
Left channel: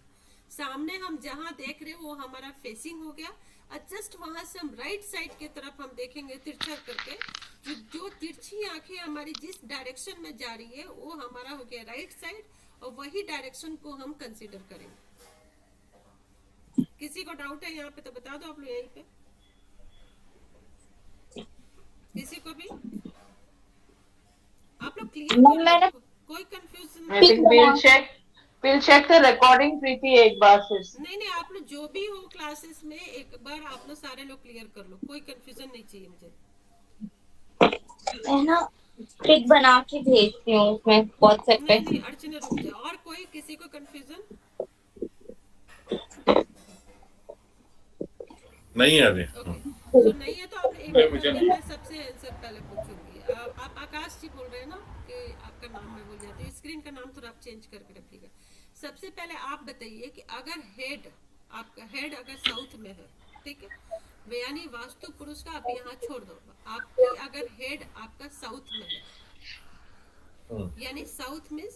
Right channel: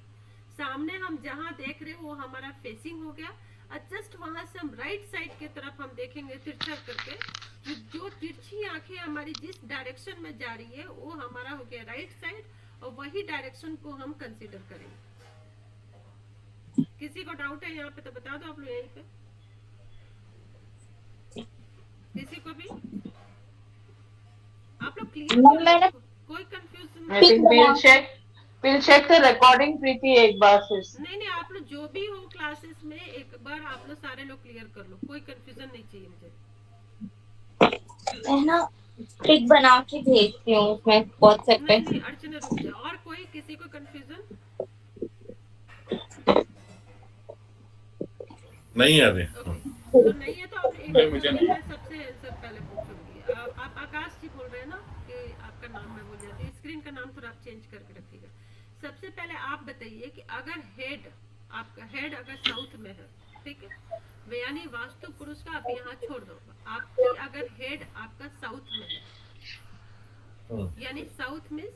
सामने हम जहां देख रहे हैं वो हमारा फेसिंग हो गया। और जस्ट वहां से हम राइट साइड की तरफ हम देखेंगे तिरछा करके, जो तिरछी आंखें हमारी जिस डायरेक्शन में जा रही है वो हमारा हो गया राइट साइड, और वही डायरेक्शन को हम कंसीडर करेंगे। किसी को डाउट है यहाँ पे तो बता दो आप लोग यहीं पे, किसी को भी, आप लोग क्लियर कर लो, मैंने कोई कंफ्यूजन आई नहीं। Think we'll check the recording प्रीति एक बार फिर से। नहीं नहीं, आप लोग जो भी हो क्लासेस में एक बार आप लोग सारे लोग क्लियर कर लो, कोई कंफ्यूजन नहीं चाहिए मुझे। है ना पिक बना के भेजती हूँ उसमें व्हाट्सएप पे। नहीं नहीं अर्चना रुक जाओ, और कोई किसी को कंफ्यूजन नहीं है अभी। ओके, तो नहीं है तो आप एक नहीं, एक मुझे करके नहीं। मैं सबसे आंसर पहले पूछूंगी। आप आकाश जी बोल रहे हैं ना कि आपका नाम मैं भूल जाती हूँ, स्क्रीन का नाम थोड़ा आप चेंज करके रखिएगा। सबसे पहले आप बताइए कि अगर हेड, आपका हेड अगर साउथ में है, ठीक है, यानी वास्तु पुरुष का आप यहाँ छोड़ दो, आपकी अगर हेड आपका साउथ में है, यानी साउथ मीन्स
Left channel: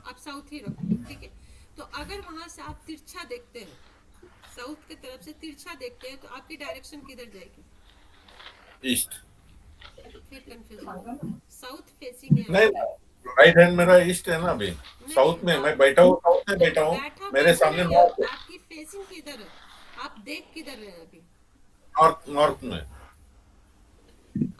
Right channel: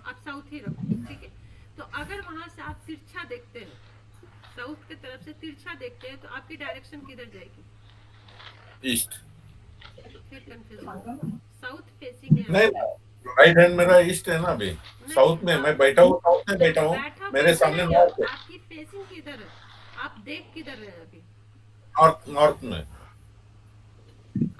आप साउथ ही रखो, ठीक है। तो अगर वहां से आप तिरछा देखते हैं, साउथ की तरफ से तिरछा देखते हैं, तो आपकी डायरेक्शन किधर जाएगी? ईस्ट। फिर कंफ्यूजन होगा, साउथ फेसिंग है नहीं, आपकी। राइट हैंड मेरा ईस्ट है ना अभी। नहीं, साउथ में आप मैं बैठा हूँ, साउथ में बैठा हूँ। बैठा मेरे बैठा सामने नहीं, नॉर्थ है। आपकी फेसिंग किधर है? आप देख किधर रहे हैं अभी? नॉर्थ, नॉर्थ में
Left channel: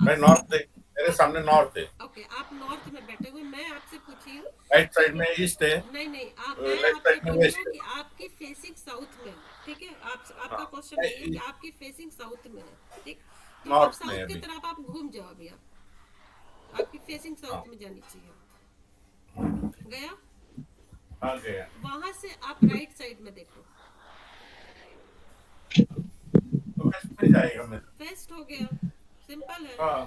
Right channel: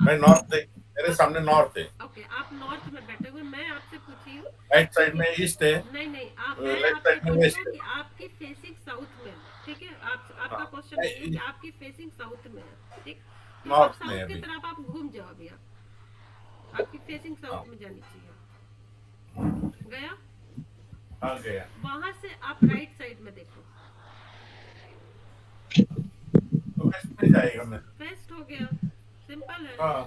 मैं आप नॉर्थ देख, मेरे सामने नॉर्थ है। ओके, आप नॉर्थ में बैठे हुए, मैं आपसे पूछी हूँ, राइट साइड में ईस्ट है, नहीं नहीं, मैं लेफ्ट आपसे साइड में बोली वेस्ट हूँ है। कि आपकी फेसिंग साउथ में है, ठीक है। आपका क्वेश्चन हाँ, नहीं है कि आपकी फेसिंग साउथ में है, ठीक। तो आप नॉर्थ में साउथ की अभी। तरफ आप घूम जाओ अभी, आप आपकी फेसिंग साउथ में जानी चाहिए। गया? हाँ गया। वहां से आप राइट साइड में देखो, तो वेस्ट में जाएगा मैं। वेस्ट हो गया, सिंपल है। हाँ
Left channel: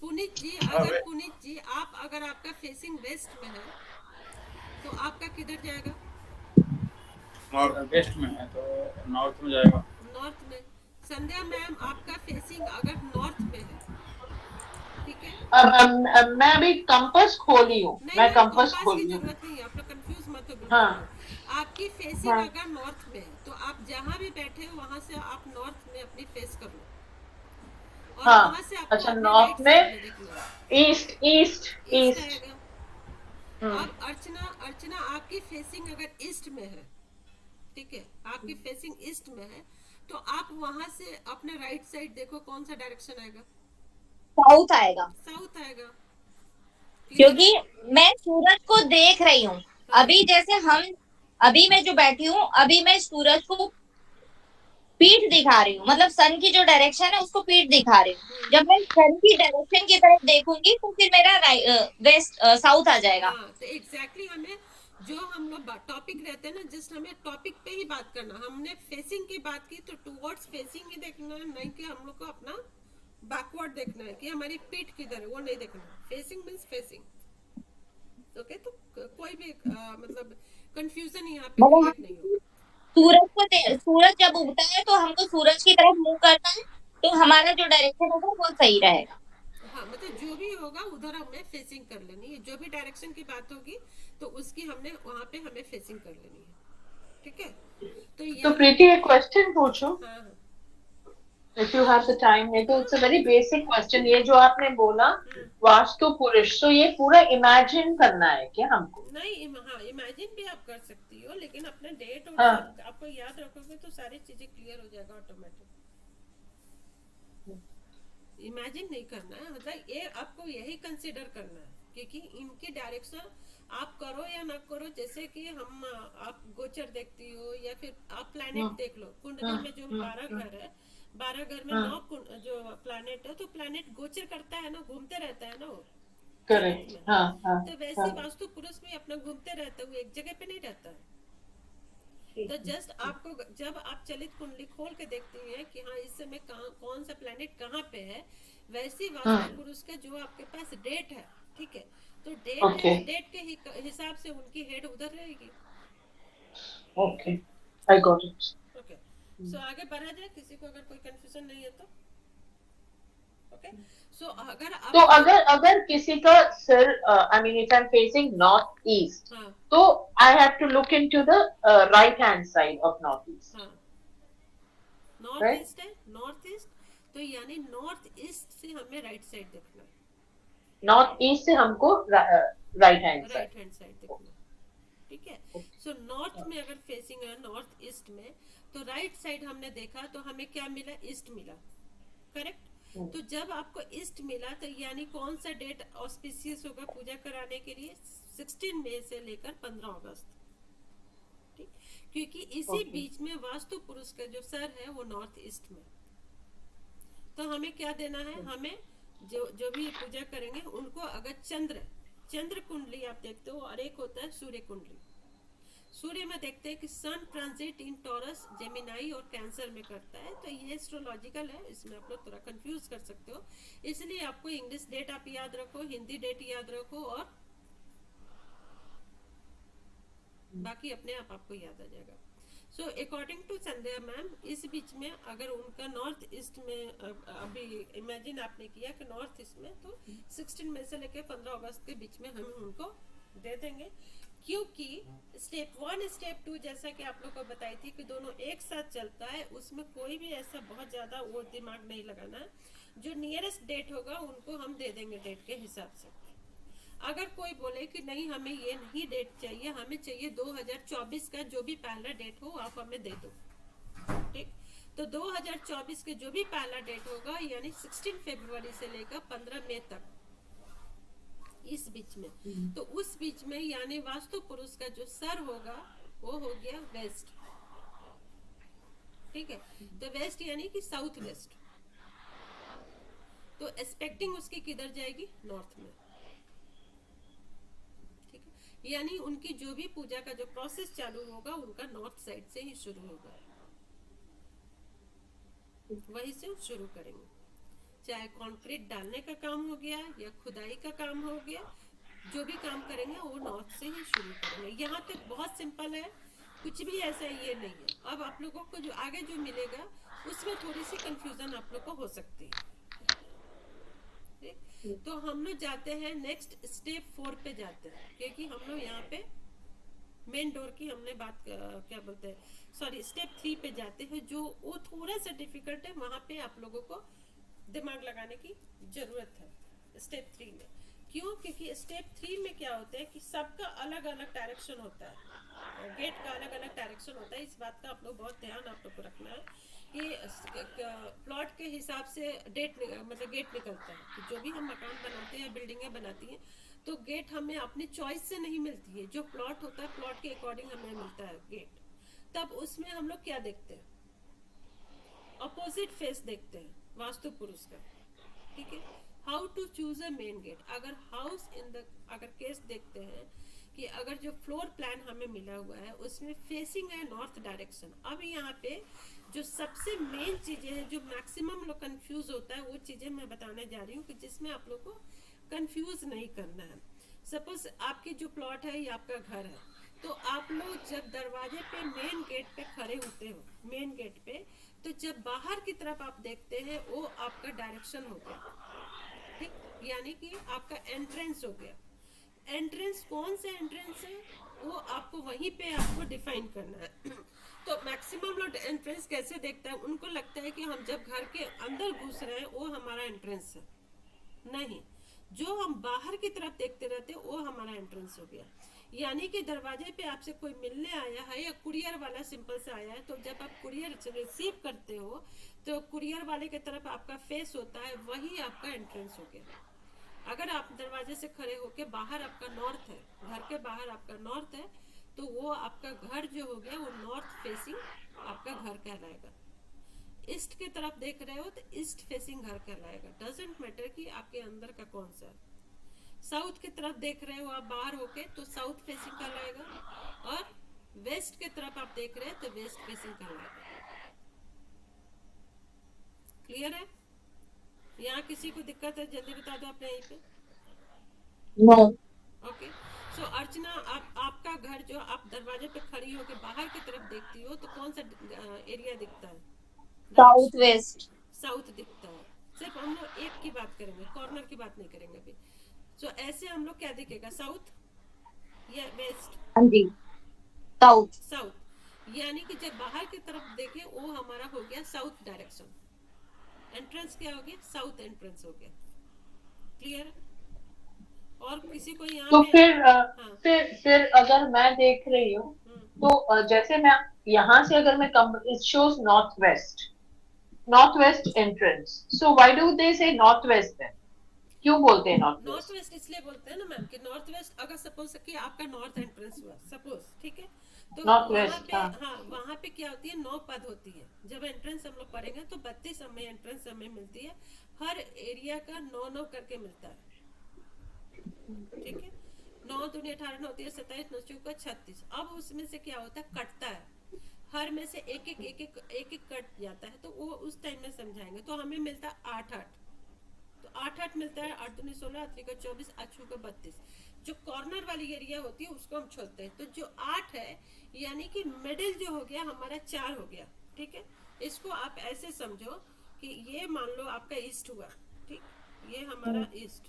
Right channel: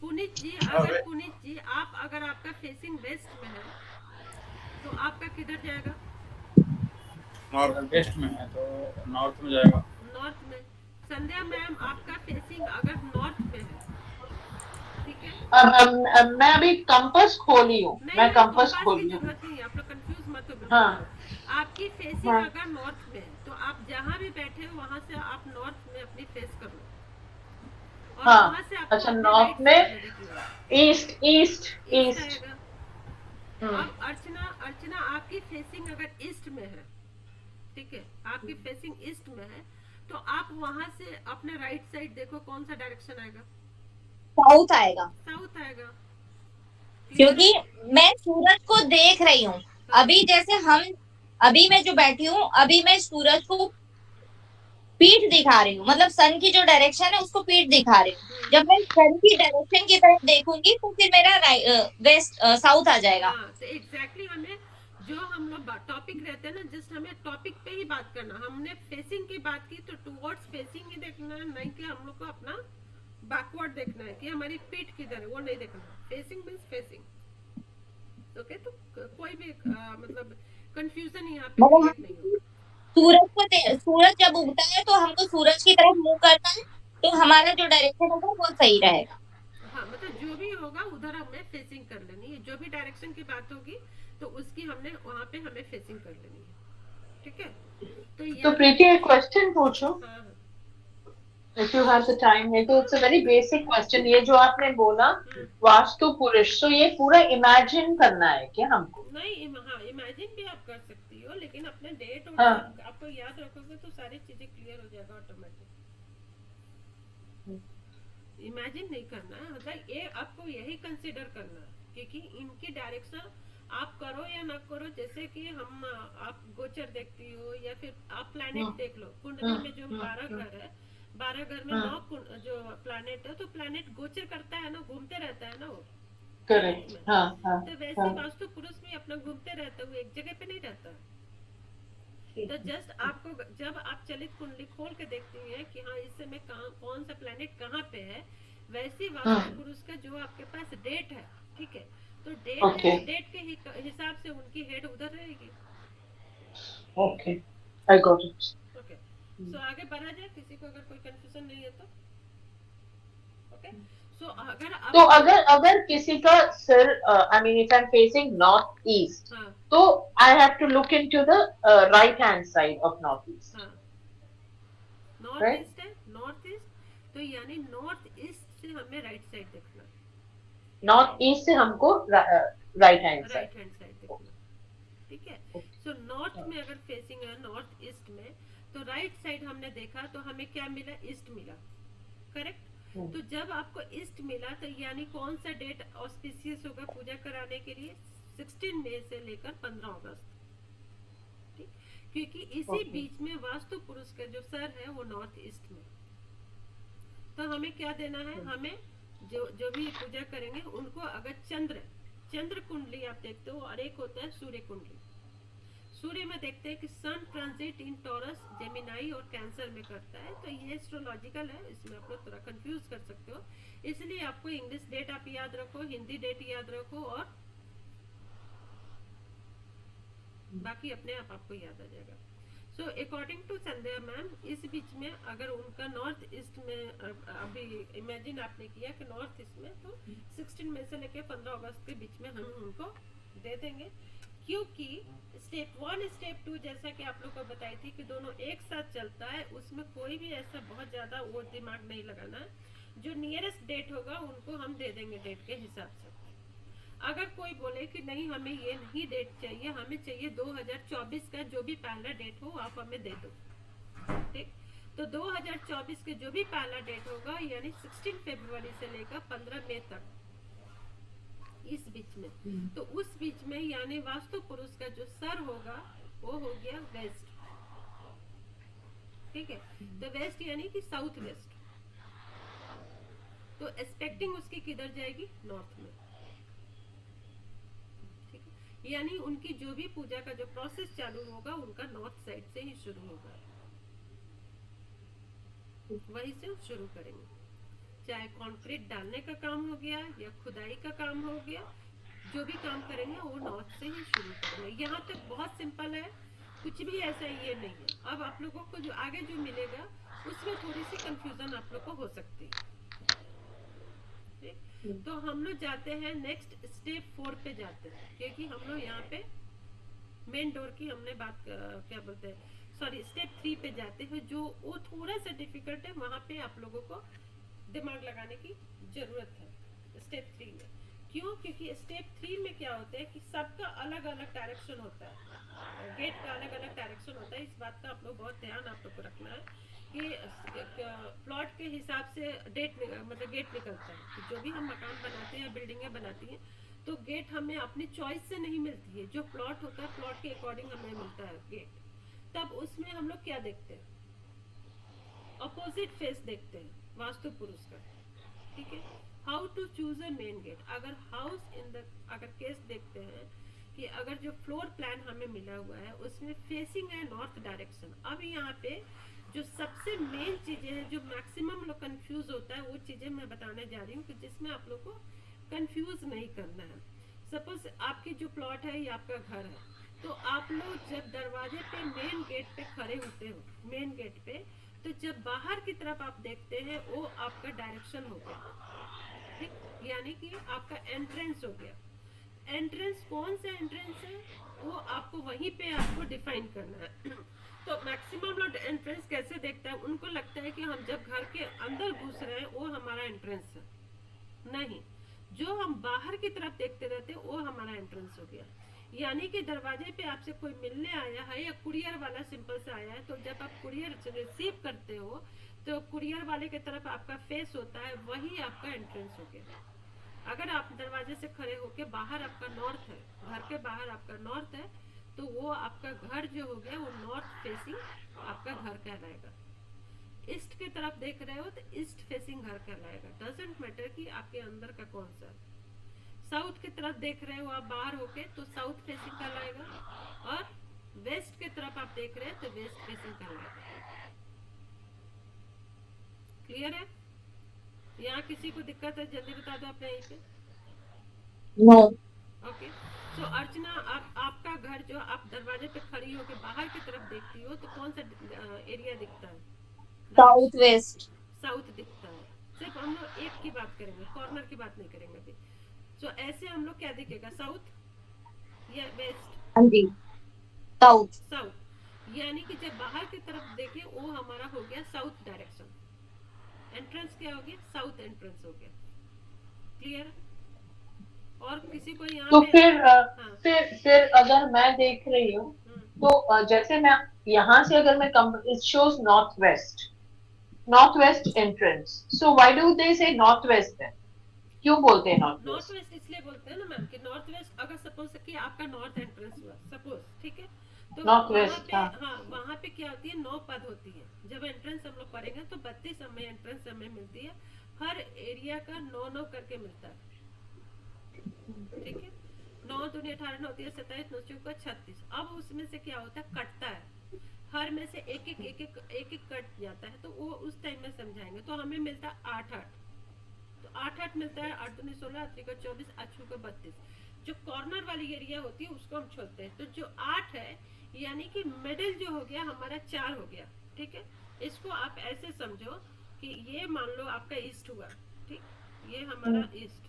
पुनीत जी, हाँ, अगर पुनीत जी आप अगर आपका फेसिंग वेस्ट में है तो आपका किधर जाएगा? नॉर्थ। वेस्ट में है तो नॉर्थ में जाएगा। नॉर्थ में। संध्या मैम, आपका फेसिंग अगर नॉर्थ में है, ठीक है। अब मैं अभी कंपास खोली हूँ, नहीं मैं नहीं, कंपास कंपास की खोली हूँ। जरूरत नहीं है, आप लोग कंफ्यूज मत हो बिल्कुल हाँ भी। आपकी फेसिंग हाँ अगर नॉर्थ में है तो आप जहां भी बैठे हो वहां से आप नॉर्थ में अपनी फेस कर लो, और हाँ। वहां से आपको अच्छा, अपने नॉर्थ राइट में साइड में देखना है, ईस्ट ईस्ट ईस्ट ईस्ट। आएगा। अब अर्चना आपकी फेसिंग अगर ईस्ट में है, ठीक है, आपकी फेसिंग ईस्ट में है, तो आप वहां से अपने राइट साइड देखो, कौन सा डायरेक्शन आएगा? साउथ आएगा साउथ आएगा। क्लियर क्योंकि है? मैं सूरज को देख रही हूँ। हाँ, अभी जैसे हम अभी मैं जो बैठी हूँ अभी मैं सूरज को पीठ दिखा रही हूँ, मतलब सन की जो डायरेक्शन है उसको पीठ दिखा रही हूँ। जब मैं सन की डायरेक्शन की तरफ देखूंगी तो फिर मेरा वेस्ट साउथ आ जाएगा। हाँ, तो एग्जैक्टली हमें जो हम लोग टॉपिक रहते हैं ना, जस्ट हमें टॉपिक पे ही बात करना। हमने फेसिंग की बात की तो टुवर्ड्स फेसिंग ही देखना है, नहीं कि हम लोग को अपना बैकवर्ड देखना है कि हमारी पीठ किधर है, वो नहीं देखना है। Facing means facing, okay. तो कोई भी मतलब कंफ्यूजन यहाँ पे मतलब क्रिएट नहीं होगा। सूरज जब उगता है तो हमको सूरज की तरफ मुंह करना है, तो हमारा जो डायरेक्शन होगा वो सही रहेगा। हाँ मतलब जो भी होगा उधर हमें फेसिंग कर लेनी है, जो भी डायरेक्शन की बात होगी तो उसकी हमने वहां पे हमें फेसिंग कर लेनी है, ठीक है। तो तो यानी प्रीति एक क्वेश्चन पूछूं, हाँ हाँ if you have the time है तो it's a very basic question। ये जो आपने बोला वास्तु पुरुष, तो ये पूरा इमेजिन करना है क्या हमको? नहीं हाँ इमेजिन भी आप कर सकती हो, लेकिन अपने डेट और हाँ। सब आपको याद रखोगे तो सारी चीजें क्लियर हो जाएगा ऑटोमेटिक। इमेजिन नहीं करना है, मतलब ये आपको यही कंसिडर करना है, क्योंकि इनकी डायरेक्शन आप करो या ना करो, जैसे कि हम आप गोचर देखती हो या फिर आप प्लैनेट देख लो, कुंडली में जो 12 घर है, 12 घर में 9 जो प्लैनेट है, तो प्लैनेट गोचर करता है ना, घूमते रहता है ना वो जगत करेक्ट। में। हाँ हाँ तो वैसे हाँ। वास्तु पुरुष भी अपना घूमते रहता है, वो एक जगह पे नहीं रहता है। तो जस्ट आपको जब आप चलित कुंडली खोल के देखती हैं कि हाँ इस समय कहाँ कौन सा प्लेनेट कहाँ पे है, वैसे वास्तु पुरुष का जो आपके पास डेट है, ठीक है, तो डेट है ओके तो डेट के हिसाब से उनकी हेड उधर रहेगी। Okay, I got it. Okay so आगे बढ़ा जाए, किसी को अगर कोई कंफ्यूजन नहीं है तो। ओके सो अगर आप तो अगर अगर किसी का सिर, I mean if I am facing north east, हाँ तो I have to look into the right hand side of north east, हाँ नॉर्थ राइट? ईस्ट है, नॉर्थ ईस्ट, तो यानी नॉर्थ ईस्ट से हमें राइट साइड देखना है, नॉर्थ ईस्ट से हमको right hand side. Right hand side देखना, ठीक है। सो नॉर्थ में अगर फेसिंग है नॉर्थ ईस्ट में, तो राइट साइड हमने देखा तो हमें क्या मिला, ईस्ट मिला, करेक्ट। तो जब आपको ईस्ट मिला तो यानी कौन सा डेट ऑस्पिशियस होगा पूजा कराने के लिए, 16 मई से लेकर 15 अगस्त, ठीक, क्योंकि इसी बीच में वास्तु पुरुष का जो सर है वो नॉर्थ ईस्ट में। तो हमें क्या देना है, हमें जो भी पूजा करेंगे उनको अगर चंद्र कुंडली आप देखते हो, और एक होता है सूर्य कुंडली। सूर्य में देखते हैं कि सन ट्रांजिट इन टॉरस, जेमिनाई और कैंसर में करता है, तो ये एस्ट्रोलॉजिकल है, इसमें आप लोग थोड़ा कंफ्यूज कर सकते हो, इसलिए आपको इंग्लिश डेट आप याद रखो, हिंदी डेट याद रखो, और बाकी अपने आप आपको याद आ जाएगा। So according to Sandhya ma'am, इस बीच में अगर उनका नॉर्थ ईस्ट में अभी इमेजिन आपने किया कि नॉर्थ ईस्ट में, तो 16 मई से लेकर 15 अगस्त के बीच में हम उनको दे देंगे, क्योंकि स्टेप 1 स्टेप 2 जैसा कि आप लोग को बताई थी कि दोनों एक साथ चलता है, उसमें कोई भी ऐसा बहुत ज़्यादा वो दिमाग नहीं लगाना है, जो नियरेस्ट डेट होगा उनको हम दे देंगे डेट के हिसाब से। अगर कोई बोले कि नहीं हमें ये नहीं डेट चाहिए, हमें चाहिए 2024 का जो भी पहला डेट हो आप हमें दे दो, ठीक, तो 2024 के जो भी पहला डेट होगा यानी 16 फरवरी से लेकर 15 मई तक, इस बीच में, तो उस बीच में यानी वास्तु पुरुष का जो सर होगा वो हो गया वेस्ट, ठीक है, तो वेस्ट यानी कि साउथ वेस्ट, तो एक्सपेक्टिंग उसकी किधर जाएगी, नॉर्थ में, ठीक है, यानी उनकी जो भी पूजा का जो प्रोसेस चालू होगा उनका नॉर्थ साइड से ही शुरू होगा, वहीं से शुरू करेंगे, चाहे कंक्रीट डालने का काम हो गया या खुदाई का काम हो गया, जो भी काम करेंगे वो नॉर्थ से ही शुरू करेंगे। यहाँ तक बहुत सिंपल है, कुछ भी ऐसा ये नहीं है। अब आप लोगों को जो आगे जो मिलेगा उसमें थोड़ी सी कंफ्यूजन आप लोग को हो सकती है, ठीक, तो हम लोग जाते हैं नेक्स्ट स्टेप 4 पे जाते हैं, क्योंकि हम लोग यहाँ पे मेन डोर की हमने बात क्या बोलते हैं, सॉरी स्टेप 3 पे जाते हैं, जो वो थोड़ा सा डिफिकल्ट है, वहां पे आप लोगों को दिमाग लगाने की जरूरत है स्टेप 3 में। क्यों, क्योंकि स्टेप 3 में क्या होता है कि सबका अलग अलग डायरेक्शन होता है, गेट का अलग अलग डायरेक्शन होता है, इस बात का आप लोग बहुत ध्यान आप लोग को रखना है कि प्लॉट के हिसाब से डेट मतलब गेट निकलता है, कि जो भी हम मकान बनाते हैं बिल्डिंगें बनाती हैं तो गेट हमें अपनी चॉइस से नहीं मिलती है, जो प्लॉट होता है प्लॉट के अकॉर्डिंग हमें मिलता है गेट। तब उसमें हम लोग क्या देखते हैं, अपोजिट फेस देखते हैं वास्तु पुरुष का, ठीक है, how to choose a main gate. अगर हाउस इन द अगर केस देखते हैं कि अगर जो फ्लोर प्लान हमें मिला हुआ है उसमें फेसिंग है नॉर्थ डायरेक्शन, अब यहाँ पे जो सबसे मेन चीजें हैं जो मैक्सिमम लोग कंफ्यूज होता है, वो चीजें मैं बताने जा रही हूँ कि जिसमें आप लोग को कंफ्यूज नहीं करना है। सपोज आपकी जो प्लॉट है ये आपका घर है, तो आप लोग जब दरवाजे पे मेन गेट पे खड़े होते हो, मेन गेट पे, तो जब बाहर की तरफ आप देखते हैं वो आपका डायरेक्शन हो गया, ठीक, यानी कि आपका एंट्रेंस हो गया। एंट्रेंस कौन सा एंट्रेंस है वो आपको वहीं पे आपको डिफाइन करना है। तो मैक्सिमम लोग एंट्रेंस कैसे देखता है, उनको लगता है कि हम जब घर के अंदर घुस रहे हैं वो हमारा एंट्रेंस है, नहीं, जो हम बाहर की तरफ देखते रहते हैं वो हमारा एंट्रेंस हो गया। यानी कि दरवाजे पे आपसे कोई मिलने आया है या कुरियर वाला सिंपल से आया है, तो जब आप कुरियर रिसीव करते हो तो कुरियर वाले की तरफ आपका फेस होता है, वही आपका एंट्रेंस हो गया। अगर आप दरवाजे से खड़े होके बाहर आपका नॉर्थ है, घर के बाहर आपका नॉर्थ है, तो वो आपका घर जो हो गया वो नॉर्थ फेसिंग आपका घर कहलाएगा। ईस्ट की तरफ देख रहे हो तो ईस्ट फेसिंग घर कहलाएगा, डजेंट मैटर कि आपके अंदर का कौन सा। साउथ की तरफ देख रहे हो आप बाहर होके तो साउथ फेसिंग कहलाएगा, और वेस्ट की तरफ आप देख रहे हैं तो वेस्ट फेसिंग कहलाएगा। क्लियर है? यहाँ किसी को दिक्कत है जल्दी बता दो अपने यहीं पे। नो। ओके, सो अर्चना, आपका घर जो आप दरवाजे पे खड़ी होके बाहर की तरफ देखती हो तो कौन सा एरिया दिखता है? South west. साउथ दिखता है। सिर्फ हम लोग एक की बात करेंगे, कॉर्नर की बात नहीं करेंगे अभी। सो ऐसे हम लोग क्या दिखेगा, साउथ या वेस्ट? हाँ जी, साउथ। साउथ, यानी कि जब बाहर की तरफ देखे वो हमारा हो गया साउथ डायरेक्शन। एंट्रेंस क्या हो गया? साउथ एंट्रेंस हो गया। क्लियर? और किसी को यहाँ तो पे हाँ, फिर अगर मैं देख रही हूँ तो जैसे मैं यहाँ से अगर मैं come, it shows north west entrance, so why do they say north waste है, क्यों बोलते हैं नॉर्थ नॉर्थ वेस्ट? वेस्ट इसलिए बोलते हैं ना मैम कि नॉर्थ वेस्ट, अगर सपोज कि आपका नॉर्थ एंट्रेंस हुआ सपोज, ठीक है, तो नॉर्थ वहाँ वेस्ट, पे हाँ। हाँ, वहाँ पे क्या होती है, 9 पद होती है। जब एंट्रेंस हम लोग पढ़ेंगे तो 32 हमें एंट्रेंस हमें मिलती है, हर एरिया का 9 करके मिलता है, ठीक है। 9 दूनी 18, 9 3 27, 9 चौका 36। अब उसमें से क्या होता है, कटता है, हर में से एक एक कट जाता है, तो वो उस टाइम में समझाएंगे। तो हमें मिलता है 8 8, तो 8 8 मिलता है, 8 दूनी 16, 8 का 24, 8 का 32। जो कॉर्नर वाली एरिया होती है उसको हम छोड़ते हैं, तो जो 8 है यानी कि मिडिल जो हो गया हमारा 4 हो गया, ठीक है। इसको आप ऐसे समझो कि ये मान लो आपका ईस्ट हुआ, ठीक, ये हमारा ईस्ट,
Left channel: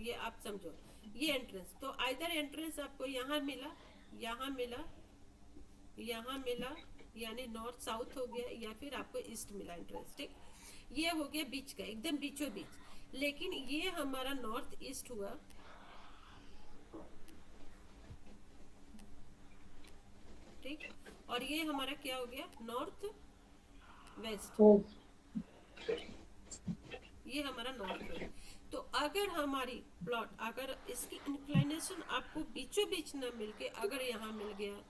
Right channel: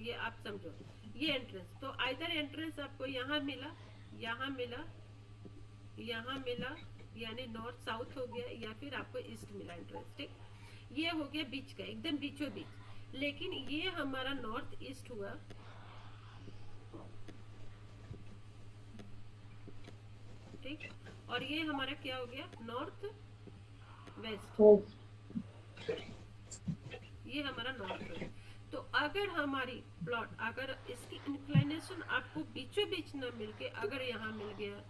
ये आप समझो ये एंट्रेंस। तो आइदर एंट्रेंस आपको यहाँ मिला, यहाँ मिला, यहाँ मिला, यानी नॉर्थ साउथ हो गया, या फिर आपको ईस्ट मिला एंट्रेंस, ठीक। ये हो गया बीच का, एकदम बीचों बीच। लेकिन ये हमारा नॉर्थ ईस्ट हुआ, ठीक, और ये हमारा क्या हो गया, नॉर्थ वेस्ट, ये हमारा नॉर्थ वेस्ट। तो अगर हमारी प्लॉट, अगर इसकी इंक्लिनेशन आपको बीचों बीच ना मिलके अगर यहाँ मिल गया,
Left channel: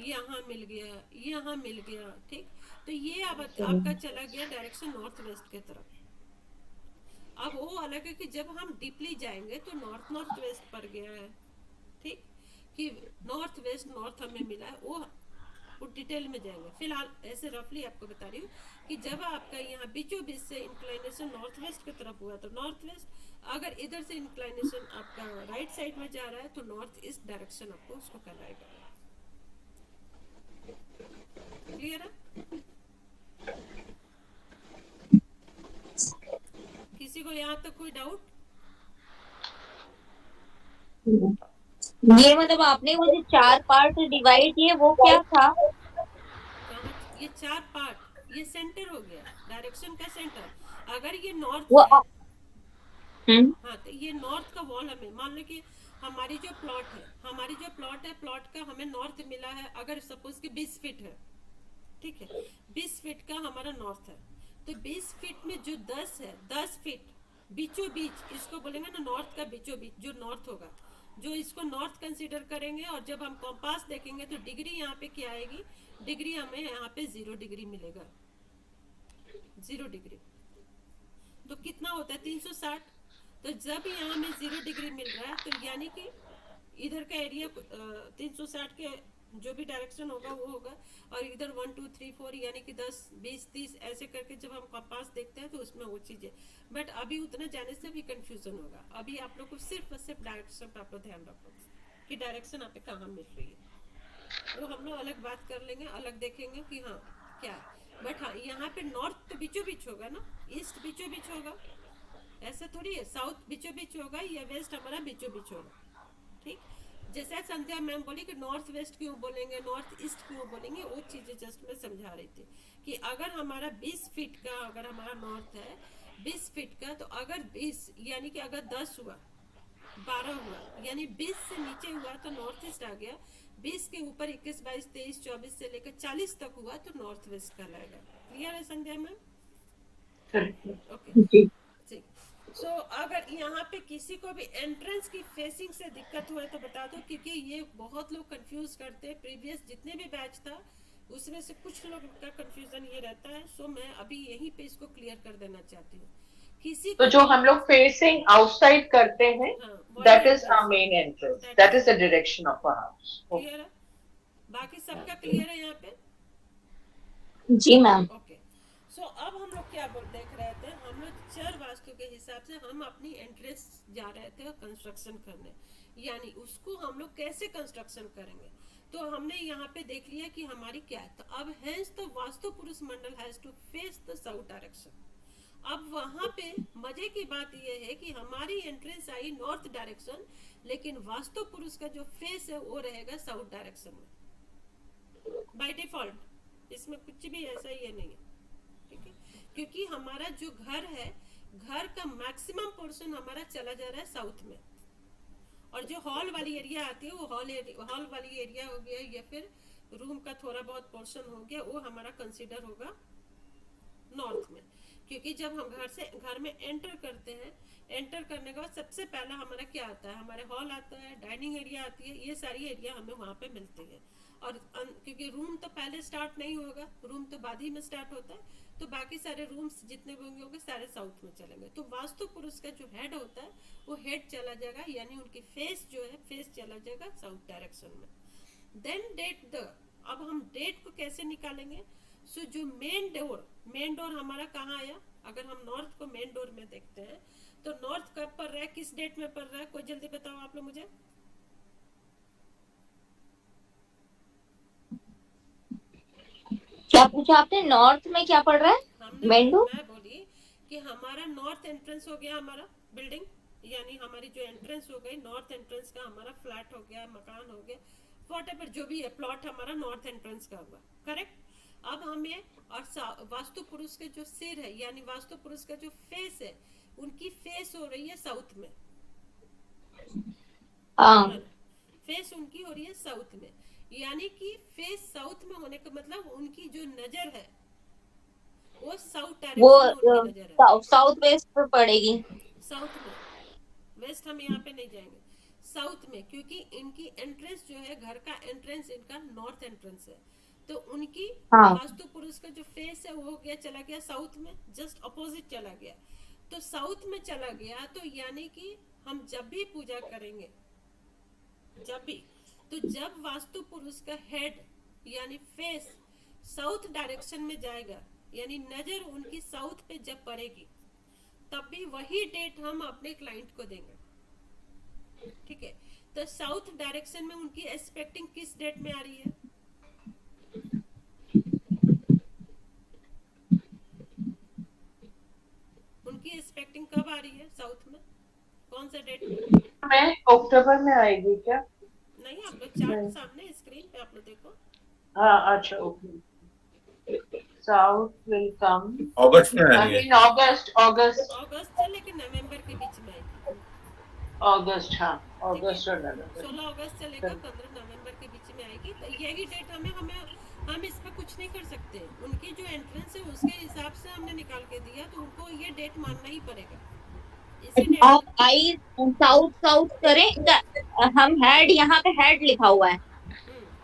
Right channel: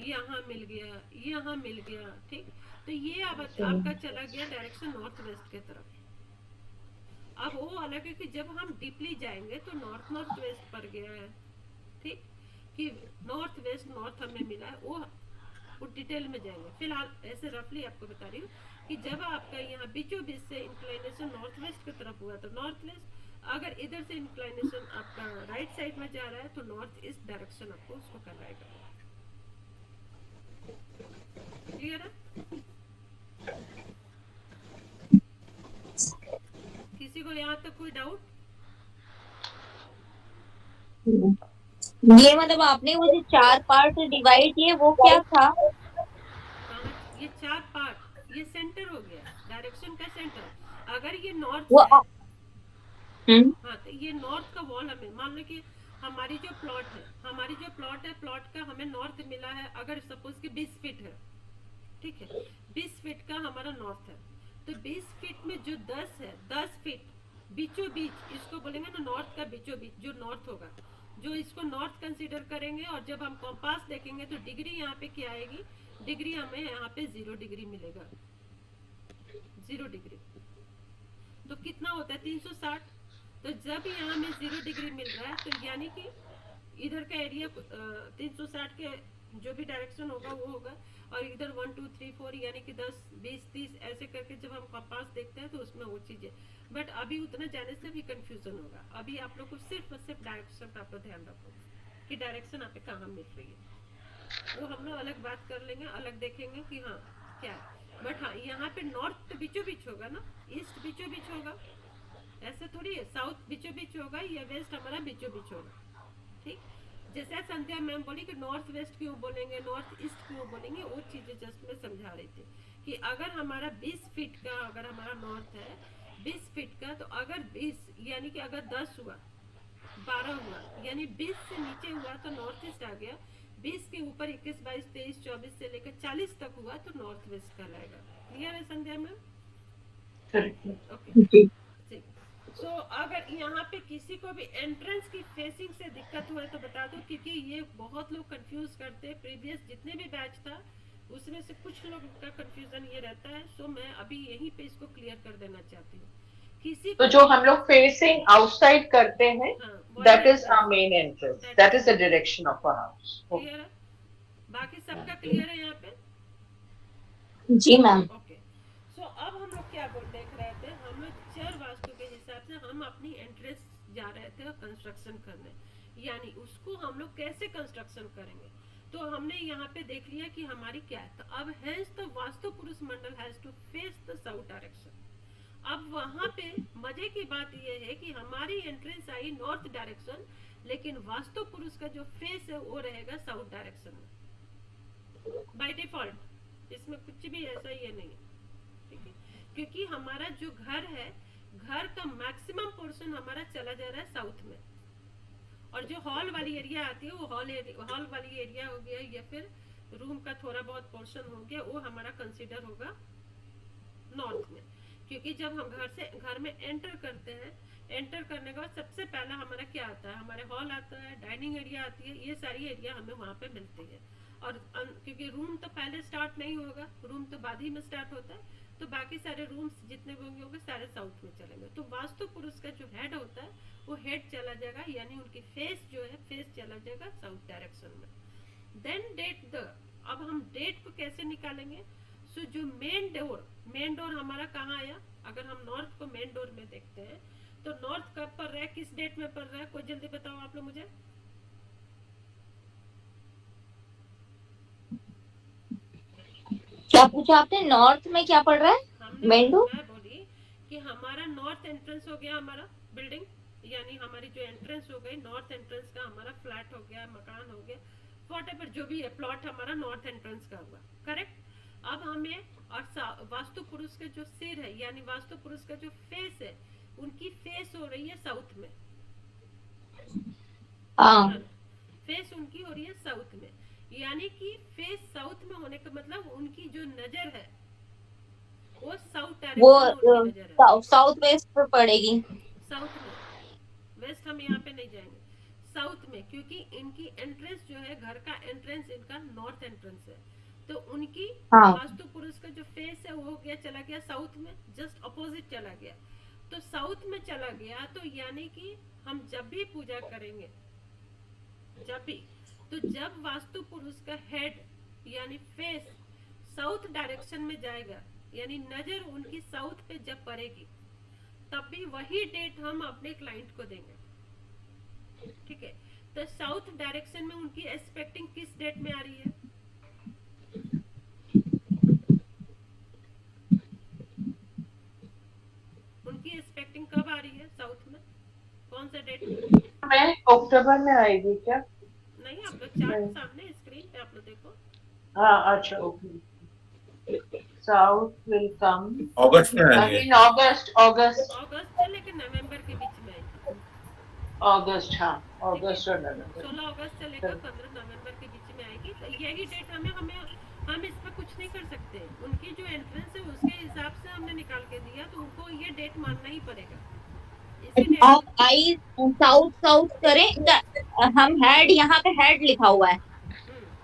यहाँ मिल गया, यहाँ मिल गया, ठीक, तो ये अब आपका चला गया डायरेक्शन नॉर्थ वेस्ट के तरफ। अब वो अलग है कि जब हम डीपली जाएंगे तो नॉर्थ नॉर्थ वेस्ट पर गया है, ठीक, कि नॉर्थ वेस्ट नॉर्थ हमें मिला है, वो डिटेल में जाएंगे। फिलहाल ऐसे रफली आपको बता रही हूँ कि जब आपका यहाँ बीचों बीच से इंक्लाइनेशन नॉर्थ वेस्ट की तरफ हुआ तो नॉर्थ वेस्ट, अगर इधर से इंक्लाइनेशन आपका राइट साइड में जा रहा है तो नॉर्थ ईस्ट डायरेक्शन आपको उसको कहलाएगा। क्लियर है? किसी को यहाँ तक कोई डाउट? ये मतलब आपने वो जो 4 पार्ट डिवाइड किए वो क्या था? ये 4 पार्ट, ये सेंटर हो गया, डायरेक्शन का सेंटर। अगर ये नॉर्थ वो है, हाँ, तो ये नॉर्थ का वॉल हमें मान लो कि हमारी जो प्लॉट है, हमारी जो प्लॉट है, प्लॉट का हमें नॉर्थ मिला है, अगर सपोज कि 20 फीट है, ठीक है, 20 फीट का हमारा नॉर्थ है, तो 20 फीट में जो 10 है, 10 फीट बीचों बीच, इसको बोलेंगे ना नॉर्थ का बीचों बीच जो नॉर्थ होगा, जो इसको नॉर्थ कंसीडर करेंगे। और जब हम कॉम्पास देखेंगे तो डिग्री यहाँ पे क्या आएगी, डिग्री हमें यहाँ पे 0 डिग्री मिलेगा, 0 डिग्री। तो कितना होता है 360। तो जब यहाँ में 0 डिग्री मिल रहा है तो यानी कि इधर का एरिया 360 के जो भी डायरेक्शन होगा वो होगा, और इधर 1 2 3 4 यानी कि 10 20 30 ऐसे करके जब हम कंपास देखते हैं तो उसमें वो चीजें। बट अभी उतना जाने से भी कंफ्यूजन होगा। अभी आप लोग को सिर्फ और सिर्फ डायरेक्शन पे आप लोग ध्यान रखो कि डायरेक्शन आप कहाँ मिल रही है। वो हम लोग अलग बात कर लेंगे, अलग देखेंगे कि हाँ क्या है। बट हाँ यहाँ पे नॉर्थ तो बीचों बीच होगा ना, ईस्ट बीचों बीच होगा, ऐसा थोड़ी है साउथ बीचों बीच होगा या वेस्ट हमारा बीचों बीच होगा। ठीक, जैसे संध्या मैम बोली कि नॉर्थ वेस्ट क्यों बोलेंगे, नॉर्थ ईस्ट क्यों बोलेंगे, वो चीज़ें जस्ट मैं समझा रही थी कि अगर हमारा 20 फीट का, अगर हमारा नॉर्थ है 20 फीट का, तो अगर 20 यानी कि अगर 10 हुआ, 12 हुआ, यानी 20 से नीचे हुआ तो नॉर्थ ईस्ट आ गया, 20 के ऊपर 21, 22, 23, 24 से लेकर 40 तक हुआ तो नॉर्थ वेस्ट कहलाएगा। क्लियर है संध्या मैम? ओके जी। जी। सो अगर यहाँ पे किसी को भी एंट्रेंस की फेसिंग से दिक्कत हुआ तो बता दो, क्योंकि ये बहुत लोग कंफ्यूज करते हैं, प्रीवियस जितने भी बैच था उसमें से कुछ लोग का कंफ्यूजन ये रहता है। सो मैं अभी यहीं पे इसको क्लियर कर देना चाहती हूँ। किसी तो को जो हम लोग फेसिंग आउटसाइड करते हैं, हाँ that is our main entrance, that is the direction of our house. Clear है? बाकी सबका क्लियर है यहाँ पे? जी मैम। ओके। सो अब हम लोग क्या देख रहे थे, हम लोग चर वास्तु के हिसाब से हम अपनी एंट्रेंस जा रहे थे कंस्ट्रक्शन करने, यानी उसको हम लोग कैसे कंस्ट्रक्शन करेंगे। तो हमने यहाँ पे देख लिया कि हमारी क्या है। तो अब हैज तो vastu purusha mandala has to face the south direction. अब वहां पे मजे की बात यह है कि हमारी एंट्रेंस आई नॉर्थ डायरेक्शन, लेकिन वास्तु पुरुष का जो फेस है वो रहेगा साउथ डायरेक्शन में बाय डिफॉल्ट। इसमें कुछ भी ऐसा ये नहीं है, ठीक है, क्योंकि हमारा जो घर है, घर का मैक्सिमम पोर्शन हमारा चला जा रहा है साउथ में, और जो हॉल वाली एरिया आती है वो हॉल वाली एरिया हो गया, या फिर रूम का थोड़ा बहुत पोर्शन हो गया, वो हमारा कंसीडर होगा नॉर्थ में। क्योंकि जब हम घर में एंटर करते हैं, एंटर करने के बाद सबसे पहला हमारा क्या आता है, हमारे हॉल आता है, डाइनिंग एरिया आती है, ये सारी एरिया हमें वहाँ पे मिलती है। और क्योंकि रूम तो पहले स्टार्ट नहीं होगा, रूम तो बाद ही में स्टार्ट होता है, तो बाकी सारे रूम्स जितने भी होंगे सारे साउथ में चलेंगे। तो वास्तु पुरुष का जो हेड होता है वो हेड चला जाएगा, यानी उनकी फेस जो है फेस चला जाएगा साउथ डायरेक्शन में। देन डेट द, अब हम डेट को कैसे निकालेंगे। सो जो मेन डोर हमारा कहाँ आया, अगर हम नॉर्थ को मेन डोर में देखते हैं तो नॉर्थ कब पड़ रहा है, किस डेट में पड़ रहा है, कोई जल्दी बताओ आप लोग मुझे। क्या पूछा आपने, नॉर्थ में क्या पड़ रहा है? Main door? मैं बोली कि हमारा नॉर्थ एंट्रेंस हो गया, हमारा बिल्डिंग, यानी हमारी जो एंट्रेंस हो गई नॉर्थ एंट्रेंस का, हमारा फ्लैट हो गया, मकान हो गया, व्हाटएवर जो भी है प्लॉट हमारा नॉर्थ एंट्रेंस का हुआ, करेक्ट। अब हमें और वास्तु पुरुष के जो सिर है, यानी वास्तु पुरुष का जो फेस है, उनकी फेस हो रही है साउथ में, फेस उनकी हो रही है साउथ में, यानी कि फेस साउथ में होने का मतलब उनकी जो नजर है वो साउथ डायरेक्शन में उनकी नजर है, साउथ वेस्ट पर पड़ेगी। साउथ में, वेस्ट हम यहाँ पे नहीं जाएंगे, साउथ में, क्योंकि इनकी एंट्रेंस जो है, घर का एंट्रेंस इनका नॉर्थ एंट्रेंस है, तो उनकी वास्तु पुरुष का जो फेस है वो हो गया, चला गया साउथ में, जस्ट अपोजिट चला गया। तो साउथ में चला गया, तो यानी कि हम जब भी पूजा करेंगे, जब वास्तु पुरुष का हेड यानी फेस साउथ डायरेक्शन में जाएगा, यानी नजर उनकी साउथ पे जब पड़ेगी, तब भी वही डेट हम अपने क्लाइंट को देंगे, ठीक है। तो साउथ डायरेक्शन में उनकी एक्सपेक्टिंग किस डेट में आ रही है, उनकी एक्सपेक्टिंग कब आ रही है साउथ में, कौन सा डेट में? अक्टूबर में आएगी क्या? नहीं, आप लोग चार्ट सामने स्क्रीन पे आप लोग देखो। हाँ अच्छा, ओके। साउथ विल कम अगस्त में आएंगे, इन अगस्त से लेकर नवंबर के बीच में आएगी। अगस्त, हाँ अगस्त और नवंबर, 16 अगस्त से लेकर 15 नवंबर के बीच में आएगी। तो यही डेट हम इस पर कुछ नहीं कर सकते, उनकी जो एंट्रेंस है उसके हिसाब से हमने निकाल के दिया, तो उनको ये डेट मानना ही पड़ेगा। आप आई साउथ करें, हम हेड, यहाँ पे हेड लिखा हुआ है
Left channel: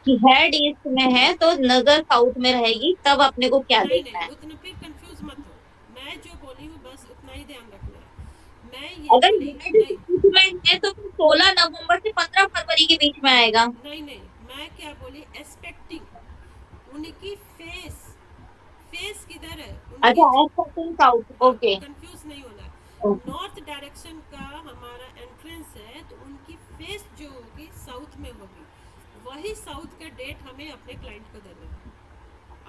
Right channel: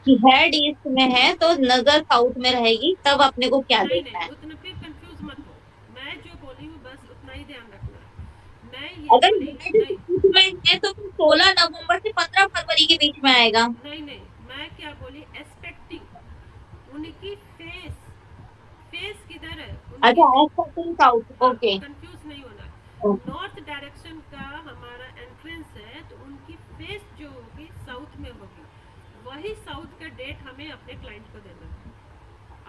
कि हेड ईस्ट में है तो नजर साउथ में रहेगी, तब अपने को क्या देखना है। उतने फिर कंफ्यूज मत हो, मैं जो बोली हूँ बस उतना ही ध्यान रखना है। मैं ये अगर बोली में है तो 16 नवंबर से 15 फरवरी के बीच में आएगा। नहीं, मैं क्या बोली, एक्सपेक्टिंग उनकी फेस किधर है, अच्छा, एक्सपेक्टिंग साउथ, ओके, कंफ्यूज नहीं होना। नॉर्थ डायरेक्शन का हमारा एंट्रेंस है, तो उनकी फेस जो होगी साउथ में होगी, वही साउथ का डेट हमें अपने क्लाइंट को देना है।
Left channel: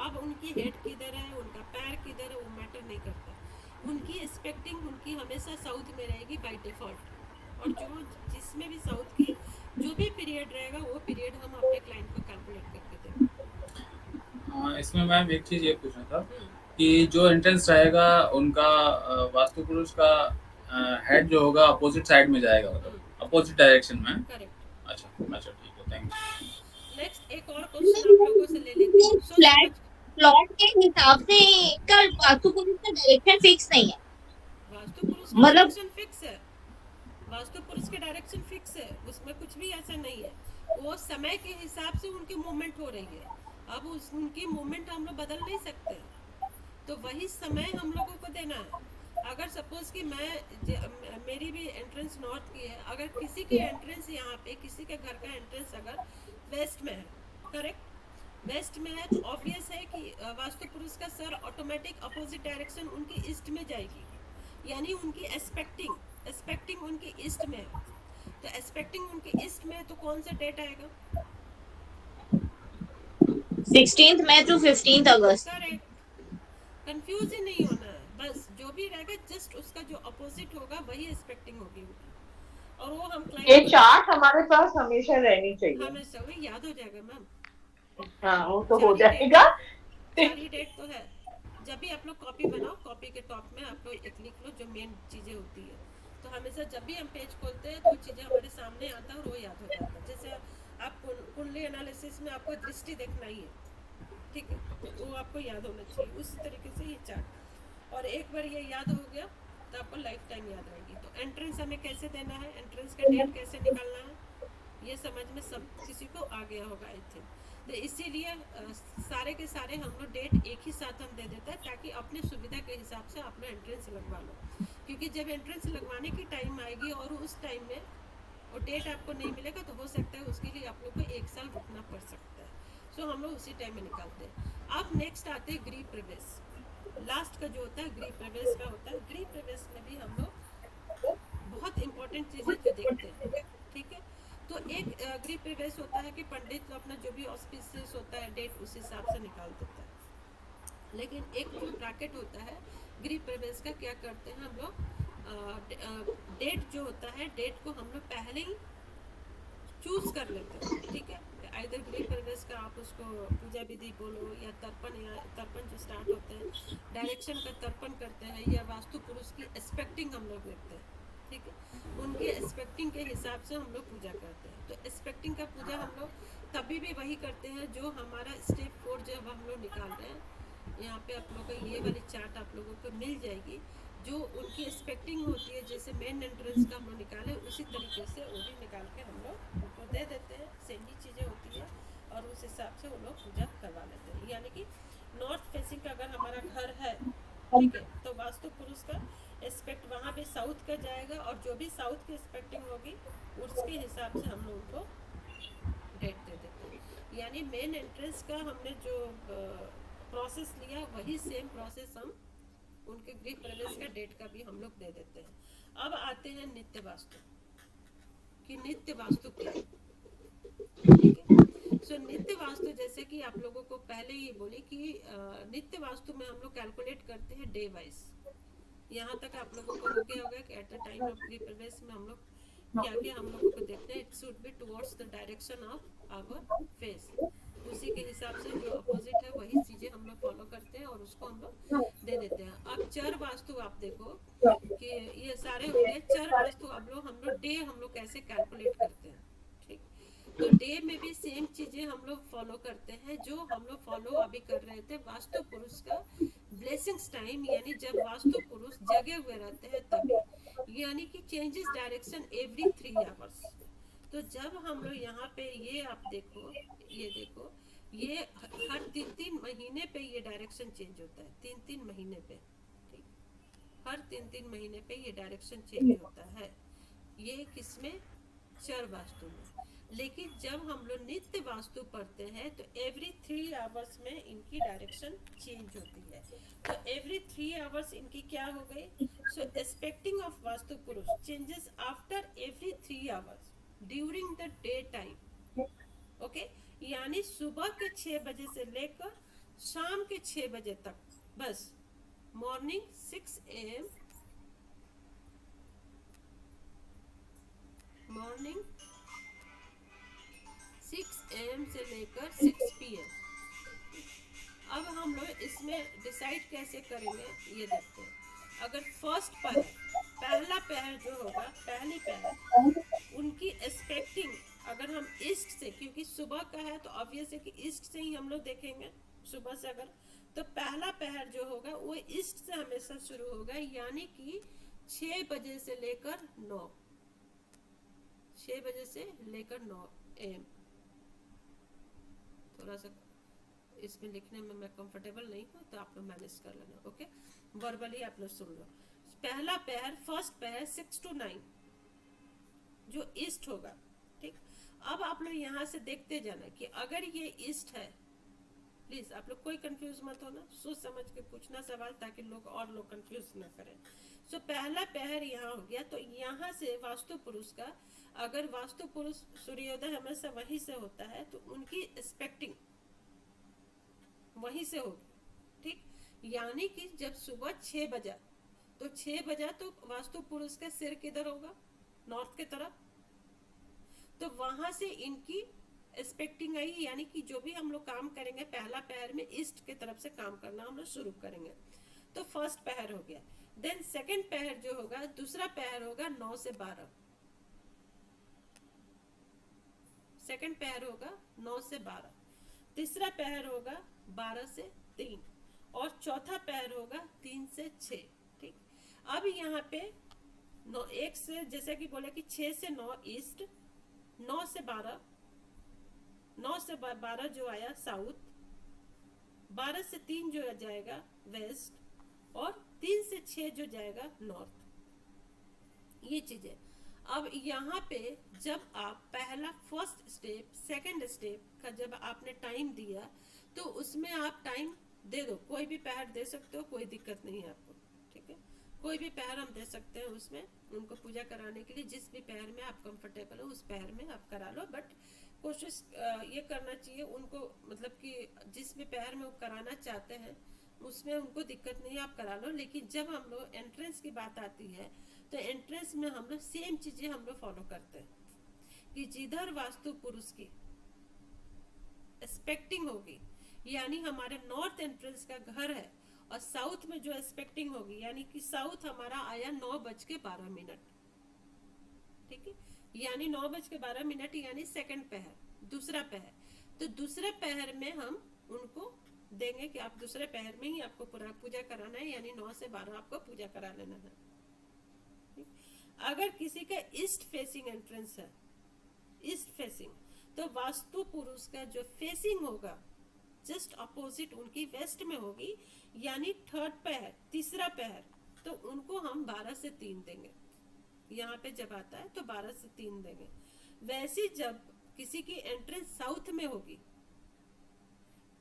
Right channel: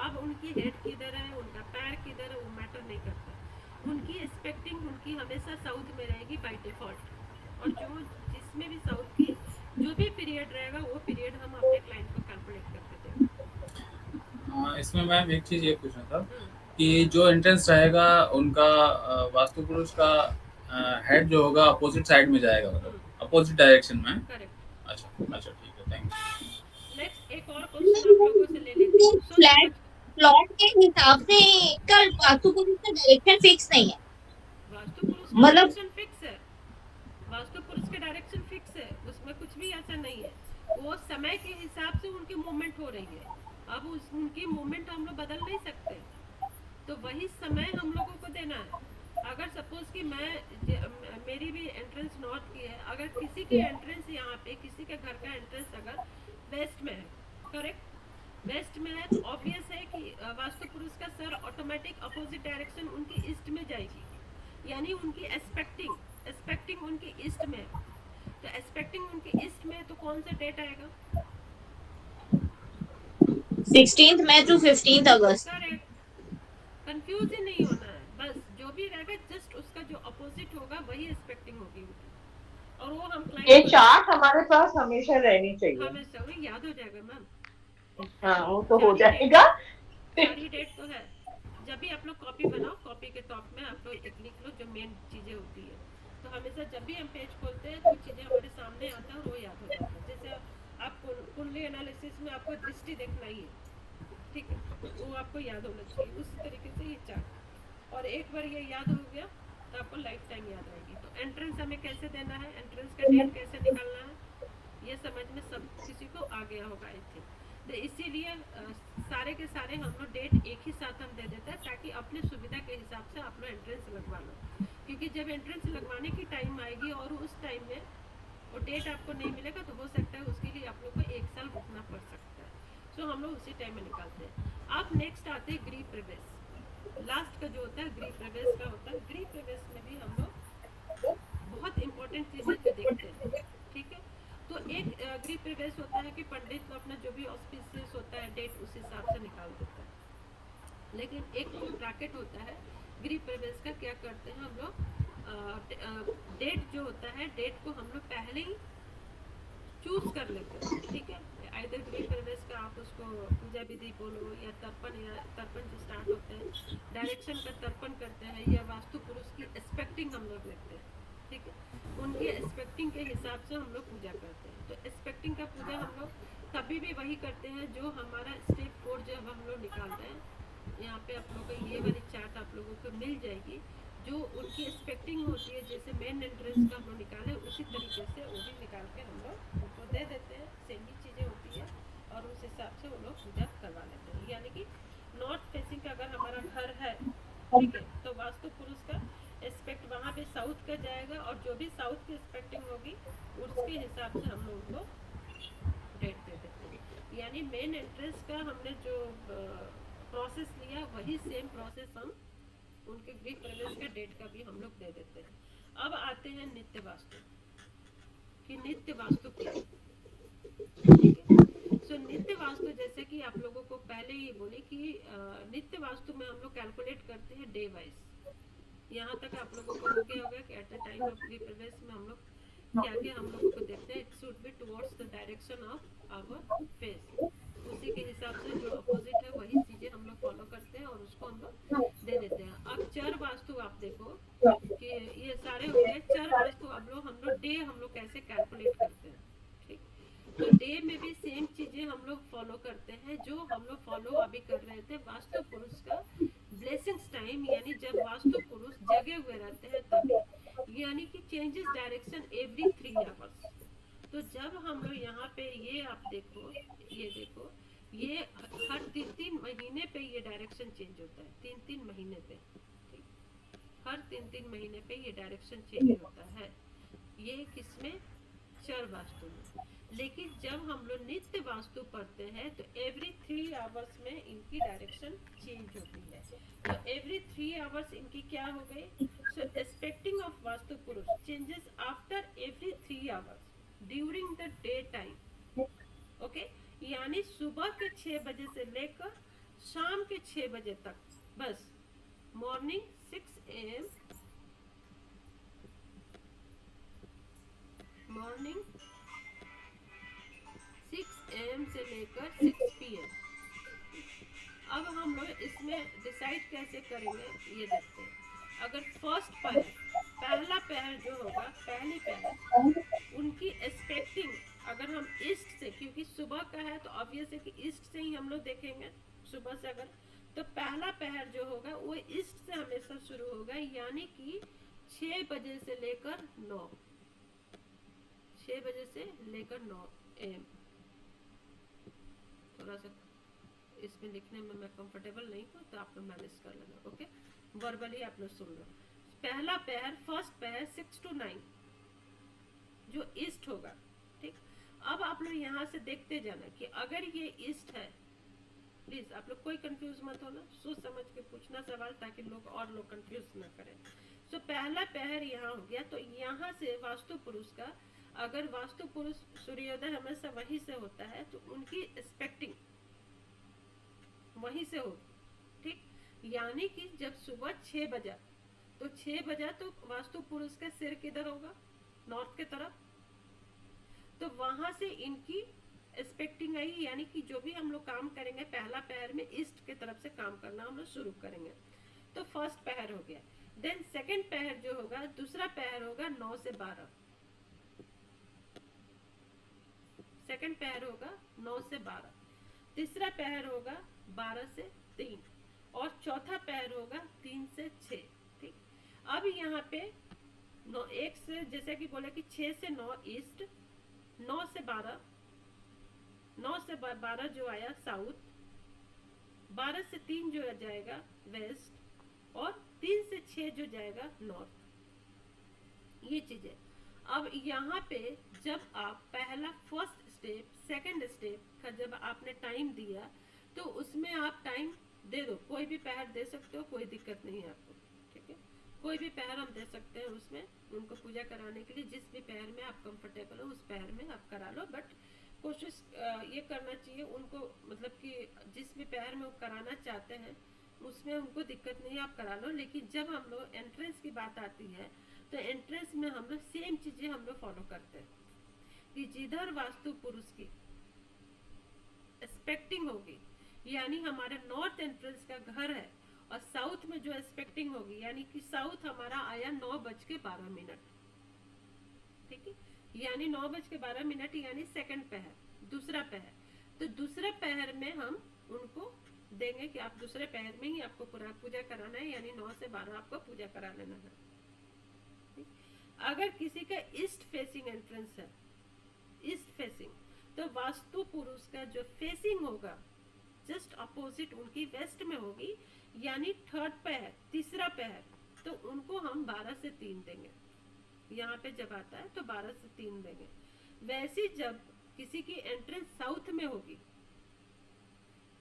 अब उनकी हेड किधर है, उनका पैर किधर है, वो मैटर नहीं करता। उनकी एक्सपेक्टिंग उनकी हमेशा साउथ में रहेगी बाय डिफॉल्ट, और जो जिसमें भी साउथ की जो भी पीरियड रहेगा वो पीरियड हम अपने क्लाइंट को कैलकुलेट करके देंगे। इसमें मैम एक चीज़ ये पूछना था हम्म, कि जो एंट्रेंस रहेगा उनका वास्तु पुरुष का हेड जो होगा अपोजिट साइड में जाएगा, मतलब अपोजिट डायरेक्शन में। करेक्ट। अच्छा अच्छा, ठीक है, थैंक यू। नेक्स्ट एक और क्वेश्चन आप लोगों से ले लेती हूँ, सोच फ्लैट समझ। प्लॉट के हिसाब से का वास्तु पुरुष का डायरेक्शन फिक्स नहीं है। वास्तु पुरुष का मतलब डायरेक्शन फिक्स है, वास्तु पुरुष का डायरेक्शन फिक्स है, उसमें कुछ भी ऐसा नहीं है। वो समय के हिसाब से उनकी मूवमेंट हो रही है, अब उनकी मूवमेंट हम लोग बदल नहीं सकते, तो वही समय हम लोगों को देना है। अगर सपोज कि मेरी भी एंट्रेंस नॉर्थ की है, अगर किसी की एंट्रेंस यहाँ पे किसी के घर का एंट्रेंस अगर वेस्ट में है, करेक्ट, वेस्ट में है, तो ऑब्वियस है कि वास्तु पुरुष का सर ऑटोमेटिक अपोजिट डायरेक्शन उनकी ईस्ट में जाएगी, यानी उनकी एक्सपेक्टिंग उनकी ईस्ट में है। तो एक्सपेक्टिंग उनकी ईस्ट में है, तो कौन सा डेट आएगा? 16 मई टू 15 अगस्त। करेक्ट। कंफ्यूज ही नहीं होना है, बस जो भी रहेगा जस्ट उसका जो अपोजिट होगा वही एक्सपेक्टिंग होगी उनकी, और वो हम ये क्लाइंट चार्ट हमारे पास हमेशा रहनी चाहिए। हमेशा उन्हें याद हो जाएगा मैम। हाँ, वो तो हो सारी डेट जाएगा। सारी डेट तो है। जब भी आप लोग कॉपी बनाओ, कॉपी के टॉप में आप लोग एक लिख लो जो मेन चीज़ें होती है, तो हमेशा जब भी हम पेज खोलते हैं तो चीज़ें हमारे सामने आता है और वो याद हो जाता है। जैसे आप कुंडली एनालिसिस में आपको दृष्टि देखना ही है, ठीक है, तो वो आपको याद होना चाहिए। उसी तरीके से ये चार्ट, और एक बार ये याद हो गया तो आपको लाइफ टाइम याद रहेगी। तो एंट्रेंस हमें कैसे देना है, एंट्रेंस का डेट कैसे निकालना है, ये समझ में सब किसी को आ गया होगा आई थिंक। तो इसीलिए सारे के सारे हम लोग डेट एक ही साथ हम दे देते हैं, ताकि अपने सुविधा के हिसाब से आप लोग एंट्रेंस लगवा लो, क्योंकि जब एंट्रेंस लगवाने की टाइम आएगी और उस टाइम में वो डेट आपको नहीं मिलेगा, तो हो सकता है उसके लिए आप लोग को 1 साल रुकना पड़ सकता है। सो हम लोग उसी टाइम में निकालते हैं। अब नेक्स्ट आते हैं गृह प्रवेश, लास्ट का जो होता है गृह प्रवेश का होता है। गृह प्रवेश में भी हम लोग बहुत इंपॉर्टेंट चीज़ें जो देखते हैं, ठीक है। तो एक गृह प्रवेश होता है कि पंडित को अपना जो भी ऑस्पिशियस होता है डेट उस हिसाब से निकाल देता है, लेकिन एक जो ब्रैकेट होता है गृह प्रवेश का, क्या करते हैं हम लोग, डेट जो होता है डेट को हम लोग पहले ही चूज कर लेते हैं, ठीक है। आइदर गृह प्रवेश का आप उसको पूजा विधि बोलो, या तर्पण जो स्टार्ट होते हैं, डायरेक्शन का तर्पण करते हैं, या वास्तु पुरुष की एक्सपेक्टिंग हम लोग देखते हैं, ठीक है। उनकी एक्सपेक्टिंग के हिसाब से हम लोग पूजा करते हैं। तो एक्सपेक्टिंग का पूजा हम लोग तभी भी वही करते हैं जो हमारा स्टेप 4 जब हम लोग निकाल रहे हैं, यहाँ पे आप लोगों को ये वाली चार्ट आप लोगों को मिल जाएगी, जो उनकी एक्सपेक्टिंग होती है। जैसे मेन एंट्रेंस का हम लोग निकाले, उसी तरीके से वो भी निकाल के हम लोग उनको दे देते हैं, सेम ही चीज़ें होती है, और उस हिसाब से वो लोग पूजा करवा लेते हैं। यानी कि नॉर्थ फेसिंग का अगर हमारा घर है, ठीक है, तो वास्तु पुरुष का एस्पेक्ट वहाँ पे साउथ का जाएगा, और जो भी साउथ की एक्सपेक्टिंग होगी उसके हिसाब से हम लोग उनको डेट दे देते हैं। यानी मेन एंट्रेंस का हमने जो प्रोसेस लिया, वही सेम प्रोसेस हम उनके गृह प्रवेश का डेट का भी हम लोग दे देते हैं। अब आते हैं नित्य वास्तु, कि नित्य वास्तु क्या है, ठीक है। सो नित्य वास्तु, जैसे कि आप लोगों को पहले ही बोली कि नित्य वास्तु में हम लोग कैलकुलेट करते हैं डे वाइज। यहाँ तक आप लोगों को हो गया होगा कि एट द टाइम ऑफ गृह प्रवेश में हम लोग क्या क्या हम लोगों को देखते हैं। It should be towards the direction of our face, उसी के हिसाब से जो अपोजिट है वही चीज़ें हम लोग फॉलो करते हैं और उसको हम लोग दे देते हैं। अब चर वास्तु आप देखो कि ये सारे हो गए चर वास्तु। अब हम लोग डे हम लोग कैसे कैलकुलेट करते हैं, ठीक। तो डे में भी सेम चीज़ें हम लोग फॉलो करते हैं जो हम लोग फॉलो अभी कर रहे थे वास्तु पुरुष का ब्लेसिंग्स टाइम, यानी जब वास्तु पुरुष जगे हुए रहते हैं तभी, यानी कि चेंजेस डायरेक्शन एवरी 3 आवर्स। तो जब हम लोग यहाँ पे ये आप देखो, ये देखो, ये हर 3-3 महीने पे ये डायरेक्शन चेंज होता है, 3-3 महीने पे, ठीक। हर 3-3 महीने पे ये डायरेक्शन चेंज होता है, ये किसमें, चर वास्तु में। लेकिन जब हम लोग नित्य वास्तु पढ़ते हैं तो एवरी 3 आवर्स में इनकी डायरेक्शन चेंज होती है। तो एवरी 3 आवर्स इनकी क्या हो गई, सो एक्सपेक्टिंग ऑफ वास्तु पुरुष changes after every 3 hours during the day time, okay, यानी सुबह के 6 बजे से लेकर शाम के 6 बजे तक, बस मॉर्निंग 6 AM, मॉर्निंग 6 AM से लेकर 6 PM। अब हम लोग इसमें डिसाइड कैसे करेंगे ये देखते हैं। अगर फर्स्ट पहर, पहला पहर जो होगा, पहली पहर उनकी एक्सपेक्टिंग, अगर हम ईस्ट से, क्योंकि सुबह का है तो ऑब्वियस है कि ईस्ट से ही हम लोग देखेंगे सुबह से, अगर तो पहला पहर जो होगा वो ईस्ट से हमेशा शुरू होगा, यानी कि 6 बजे से लेकर 9, 6 बजे से लेकर 9 AM। थोड़ा सा इसमें लिखने में मैं कंफर्टेबल नहीं हूँ तो आप लोग मैनेज कर लेना, ओके। वर्बली आप लोग सुन लो। पहला पहर, फर्स्ट पहर 6 to 9 जो ईस्ट होगा, ठीक। अब आप लोग यहाँ से देखते जाना कि अगर ये ईस्ट है, प्लीज आप लोग कोई कंफ्यूज मत होना, सोच समझ के पूछना सवाल, ताकि लोग और लोग कंफ्यूज ना करें। सो पहला पहर यहाँ हो गया, तो यहाँ से वास्तु पुरुष का, अगर वास्तु पुरुष सूर्योदय हमेशा वहीं से होता है तो उनकी एक्सपेक्टिंग वहीं से होगी, ठीक। यानी कि जब सुबह 6 बजा, तो 6 बजा तो वास्तु पुरुष का सिर किधर होगा, नॉर्थ के तरफ, तो वहां से इनकी एक्सपेक्टिंग आई, यानी कि जो भी हम लोग काम करेंगे पहला पहर में ईस्ट के तरफ से काम करना हम लोग शुरू करेंगे। तो फर्स्ट पहर हो गया। देन सेकंड पहर जो होगा, दूसरा पहर होगा 9 से 12, सेकंड पहर होगा 9 से 12, तीसरा पहर होगा 12 से 3, और चौथा पहर होगा 3 से 6, ठीक। अब यहाँ पे 9 1 से, जैसे कि बोले कि 6 से 9 ईस्ट, 9 से 12, 9 से 12 जो आया साउथ, 12 से 3 जो जाएगा वेस्ट, और 3 से 6 जो जाएगा नॉर्थ। ये चीजें अब यहाँ पे जब आप पहला फर्स्ट स्टेप सेकंड स्टेप का जब आपने टाइम दिया, तो उसमें आप टाइम दे दो, कोई भी पहर दे सकते हो, कोई दिक्कत नहीं है आपको, ठीक है। कोई भी पहर हम दे सकते हैं उसमें उनको पूजा कराने के लिए, जिस भी पहर में आप कंफर्टेबल हो उस पहर में आप करा लो। बट कोशिश ये करना चाहिए उनको, मतलब कि जिस भी पहर में वो कराना चाहते हैं उसमें उनको दिक्कत नहीं, आप करा लो। लेकिन जब हम लोग एंट्रेंस की बात आती है, तो एंट्रेंस में हम लोग सेम चीजें हम लोग फॉलो करते हैं कि जिधर वास्तु पुरुष की एक्सपेक्टिंग होगी, यानी हमारे नॉर्थ एंट्रेंस का घर है, और साउथ में जो एक्सपेक्टिंग होगी, यानी कि साउथ हमारा आया 9:12, ठीक है, यानी 9:12, यानी सेकंड पहर, दूसरा पहर। तो दूसरे पहर में हम उनको देंगे कि आप दूसरे पहर में ही आपको पूरा पूजा कराना है, यानी 9 से 12 आपको पूजा करा लेना है। अगर किसी का ईस्ट फेसिंग एंट्रेंस है, ईस्ट फेसिंग, तो वास्तु पुरुष का जो फेसिंग होगा जस्ट अपोजिट उनकी वेस्ट में होगी, यानी थर्ड पहर, तीसरा पहर, तो उनको हम 12 से 3 देंगे। यहाँ पे जब आता है तो 12 से 3 देंगे। वैसे जब किसी की एंट्रेंस साउथ में होगी,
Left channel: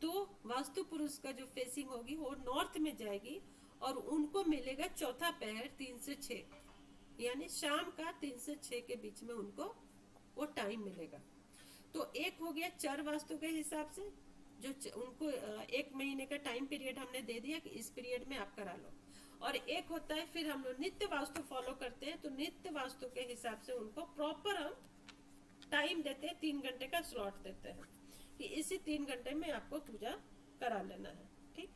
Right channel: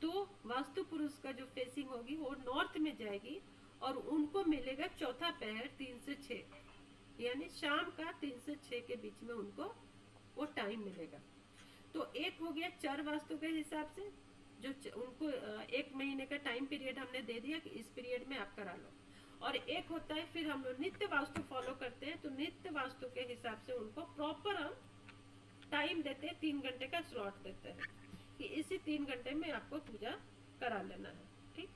तो वास्तु पुरुष का जो फेसिंग होगी वो नॉर्थ में जाएगी, और उनको मिलेगा चौथा पहर 3 से 6, यानी शाम का 3 से 6 के बीच में उनको वो टाइम मिलेगा। तो एक हो गया चर वास्तु के हिसाब से, जो उनको 1 महीने का टाइम पीरियड हमने दे दिया कि इस पीरियड में आप करा लो। और एक होता है फिर हम लोग नित्य वास्तु फॉलो करते हैं, तो नित्य वास्तु के हिसाब से उनको प्रॉपर हम टाइम देते हैं, 3 घंटे का स्लॉट देते हैं कि इसी 3 घंटे में आपको पूजा करा लेना है, ठीक।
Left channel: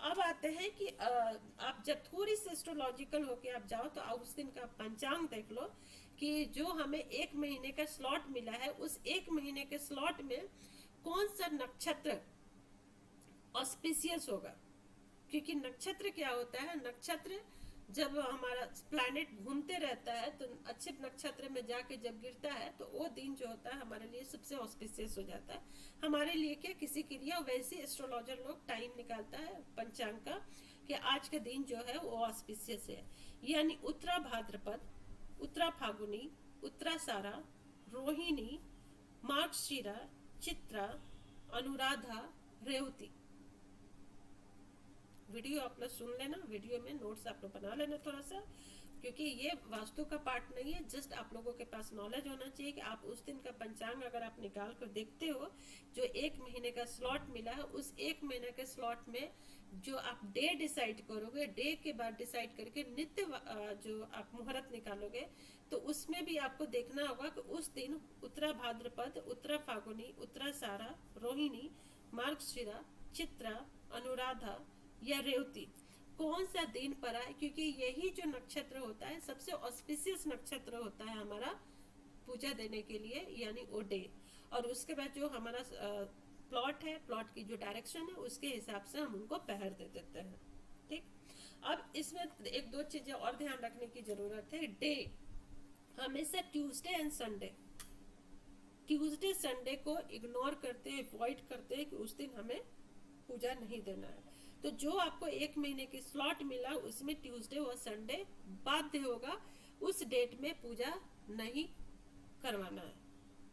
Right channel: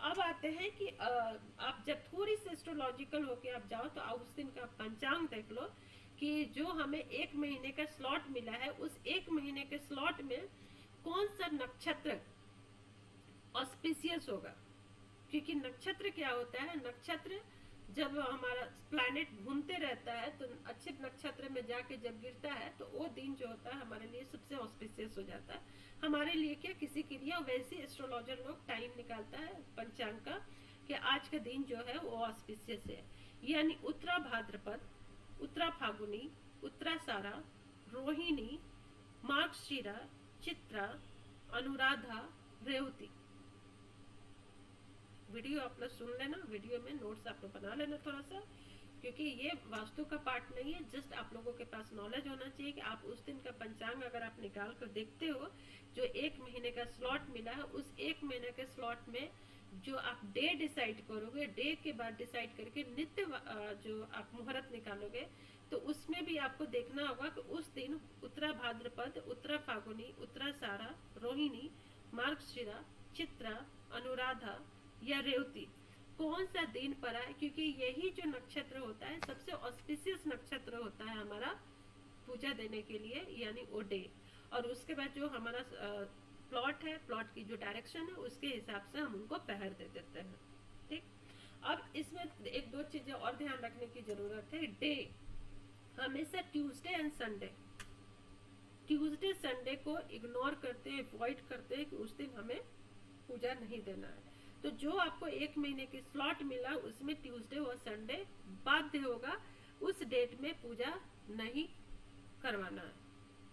अब आते हैं कि आप जब थोड़ी सी एस्ट्रोलॉजिकल होके आप जाओ, तो उस दिन का पंचांग देख लो कि जो हमें 1 महीने का स्लॉट मिला है, उस 1 महीने के स्लॉट में कौन सा नक्षत्र ऑस्पिशियस होगा। क्योंकि नक्षत्र क्या होता है, नक्षत्र जब हमारा प्लैनेट घूमते रहता है, तो अच्छे नक्षत्र में जाके जब गिरता है, तो वो दिन जो होता है हमारे लिए सबसे ऑस्पिशियस हो जाता है। हमारे लिए क्या, किसी के लिए वैसे एस्ट्रोलॉजर लोग टाइम निकालता है पंचांग का कि आज का दिन जो है वो ऑस्पिशियस है, यानी उत्तरा भाद्रपद, उत्तरा फागुनी, उत्तरासारा, रोहिणी, मार्गशीरा, चित्रा, अनुराधा, रेवती। वीडियो आप लोग सुन लेना, वीडियो में नोट्स आप लोग बना लेना थोड़ा सा, क्योंकि ये वास्तु का पार्ट नहीं है, जस्ट आप लोगों के पास नॉलेज होना चाहिए कि आप उस दिन का पंचांग अगर आप निकाल कर देखते हो, जो 1 महीने का स्लॉट मिला है, उस 1 महीने के स्लॉट में जो आप डे डिसाइड करोगे, डे के बाद डिसाइड करके नित्य जो आप मुहूर्त निकालोगे, तो उसमें भी आपको देखना होगा कि उस दिन उत्तरा भाद्रपद, उत्तरा फागुनी, उत्तरा सारा, रोहिणी, मार्गशिरा, चित्रा, अनुराधा या रेवती कौन सा दिन पड़ा है, क्योंकि यही जो नक्षत्र होता है सबसे ऑस्पिशियस नक्षत्र होता है हमारा पूजा देने के लिए, यानी वो डे। और उसके बाद जो हमारा प्लॉट है, प्लॉट की जो डायरेक्शन है उसके हिसाब से हम उनको पहर दे देते हैं। ठीक, अब इसमें एक दो चीजें और ध्यान रखने की जरूरत है। डे हमेशा Tuesday and Sunday, Tuesday Sunday को इग्नोर करते हैं, अवॉइड करते हैं कि उस दिन हमें पूजा नहीं देना है। तो जो आपको 1 महीने की स्लॉट मिला उसमें ट्यूसडे और संडे बाध्य होगा उस डेट में पूजा नहीं करवाना है।